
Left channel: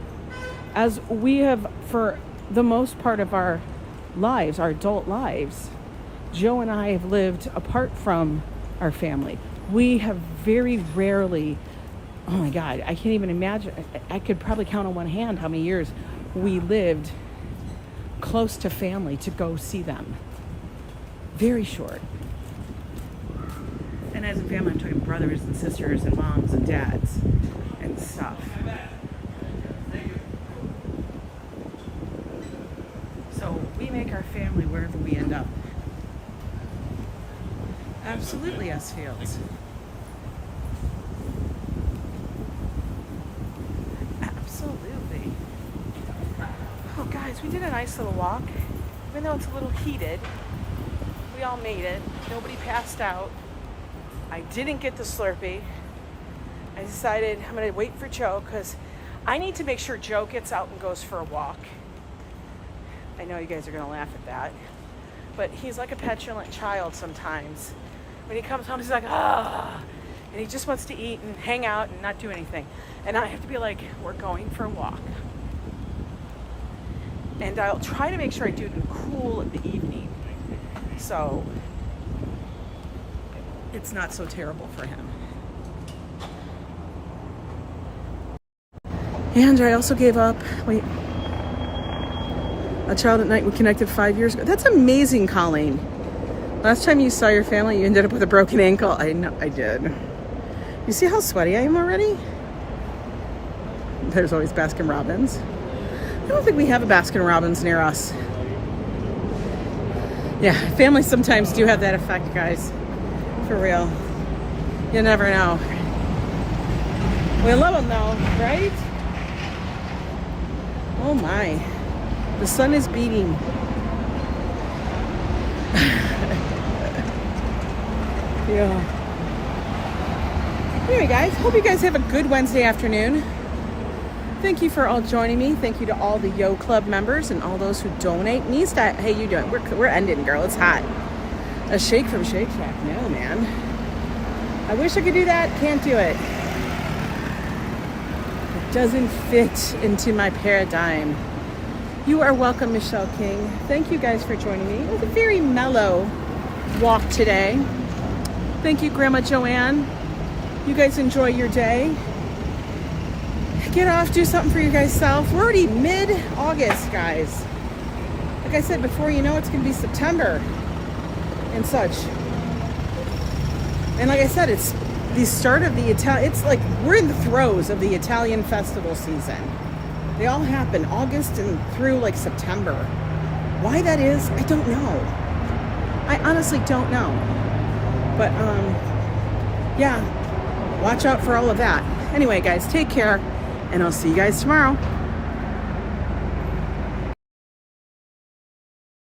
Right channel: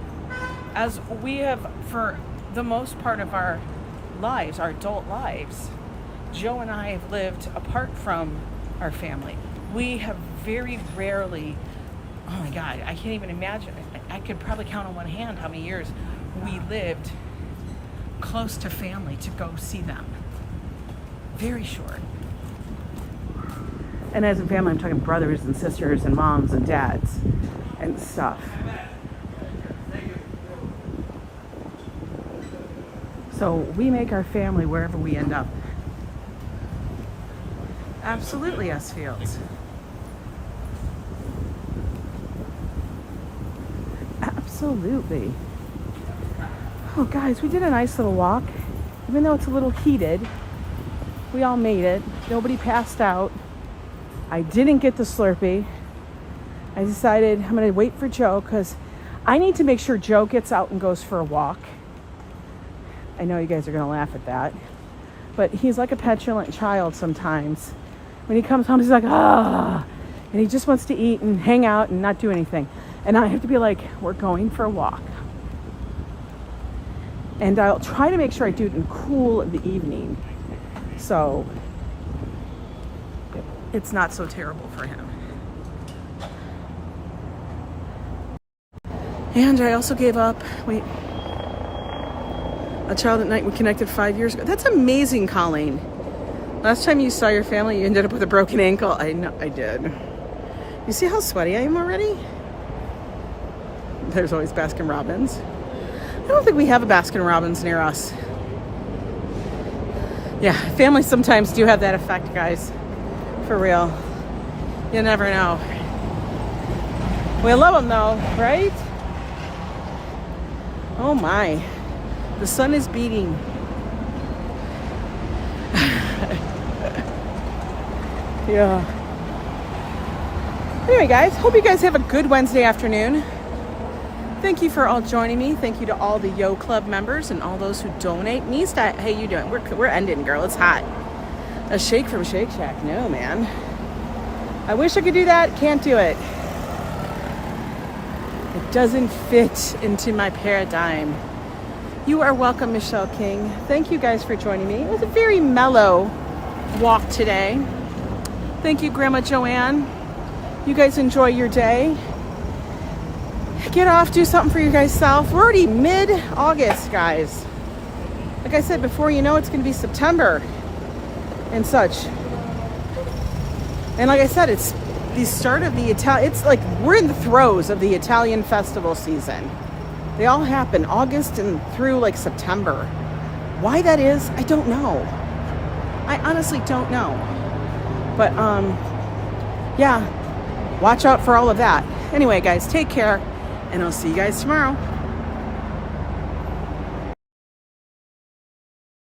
as we have for the most part of our lives, our adult lives. Joe and I have lived apart from our family. We have very rarely, oh my God, I can't even imagine. I could probably count on one hand how many years we lived close to family to go see them. Very short. And as a family, I'm talking brothers and sisters and moms and dads and stuff. So we make our family wherever we end up. Absolutely, S. Fields. Absolutely. Oh, guys, we did a nice little walk. Even though it's a little heated, we all made it. Nobody passed out. I didn't get the Slurpee. I decided I'm gonna wait for Joe because I need to make sure Joe gets out and goes for a walk. I know you guys are gonna laugh at that, but he's like a petulant child sometimes. When he comes home, he's like, ah, and he just wants to eat and hang out and not do anything. And I have to be like, we're going for a walk. And I'll try to make sure I do it in cool in the evening, so it's not so terrible for him. And I also gave up, wait, a child at night we connected 5 years ago. That's amazing, Colleen. Last time you saw your family, you ended up with a broken ankle. I know, I did. You see how sweaty I am already? There's always Baskin Robbins. I don't think we have a Baskin Robbins near us. Yeah, families sometimes do have that effect, guys. For real. You never know. We love them though, right? Oh my. The sun is beating. Yeah. Anyway, guys, hope you guys have a good Wednesday afternoon. Thank you for all joining me. Thank you to all the Yo Club members and all those who donate. Nista, how you doing? We're ending, girl. It's hot. A shake from Shake Shack. No, man. I wish I could do that. Can't do it. It doesn't fit into my paradigm. You are welcome, Michelle King. Thank you guys for joining me. It was a very mellow walk today. Thank you, Grandma Joanne. You guys enjoy your day. Get off, do something for you guys self. We're already mid-August, guys. Like I said before, you know it's going to be September and such. And like I said, it's the start of the it's like we're in the throes of the Italian festival season. They all happen August and through like September. Why that is, I don't know. I honestly don't know. But yeah, watch out for all of that. Anyway, guys, take care, and I'll see you guys tomorrow.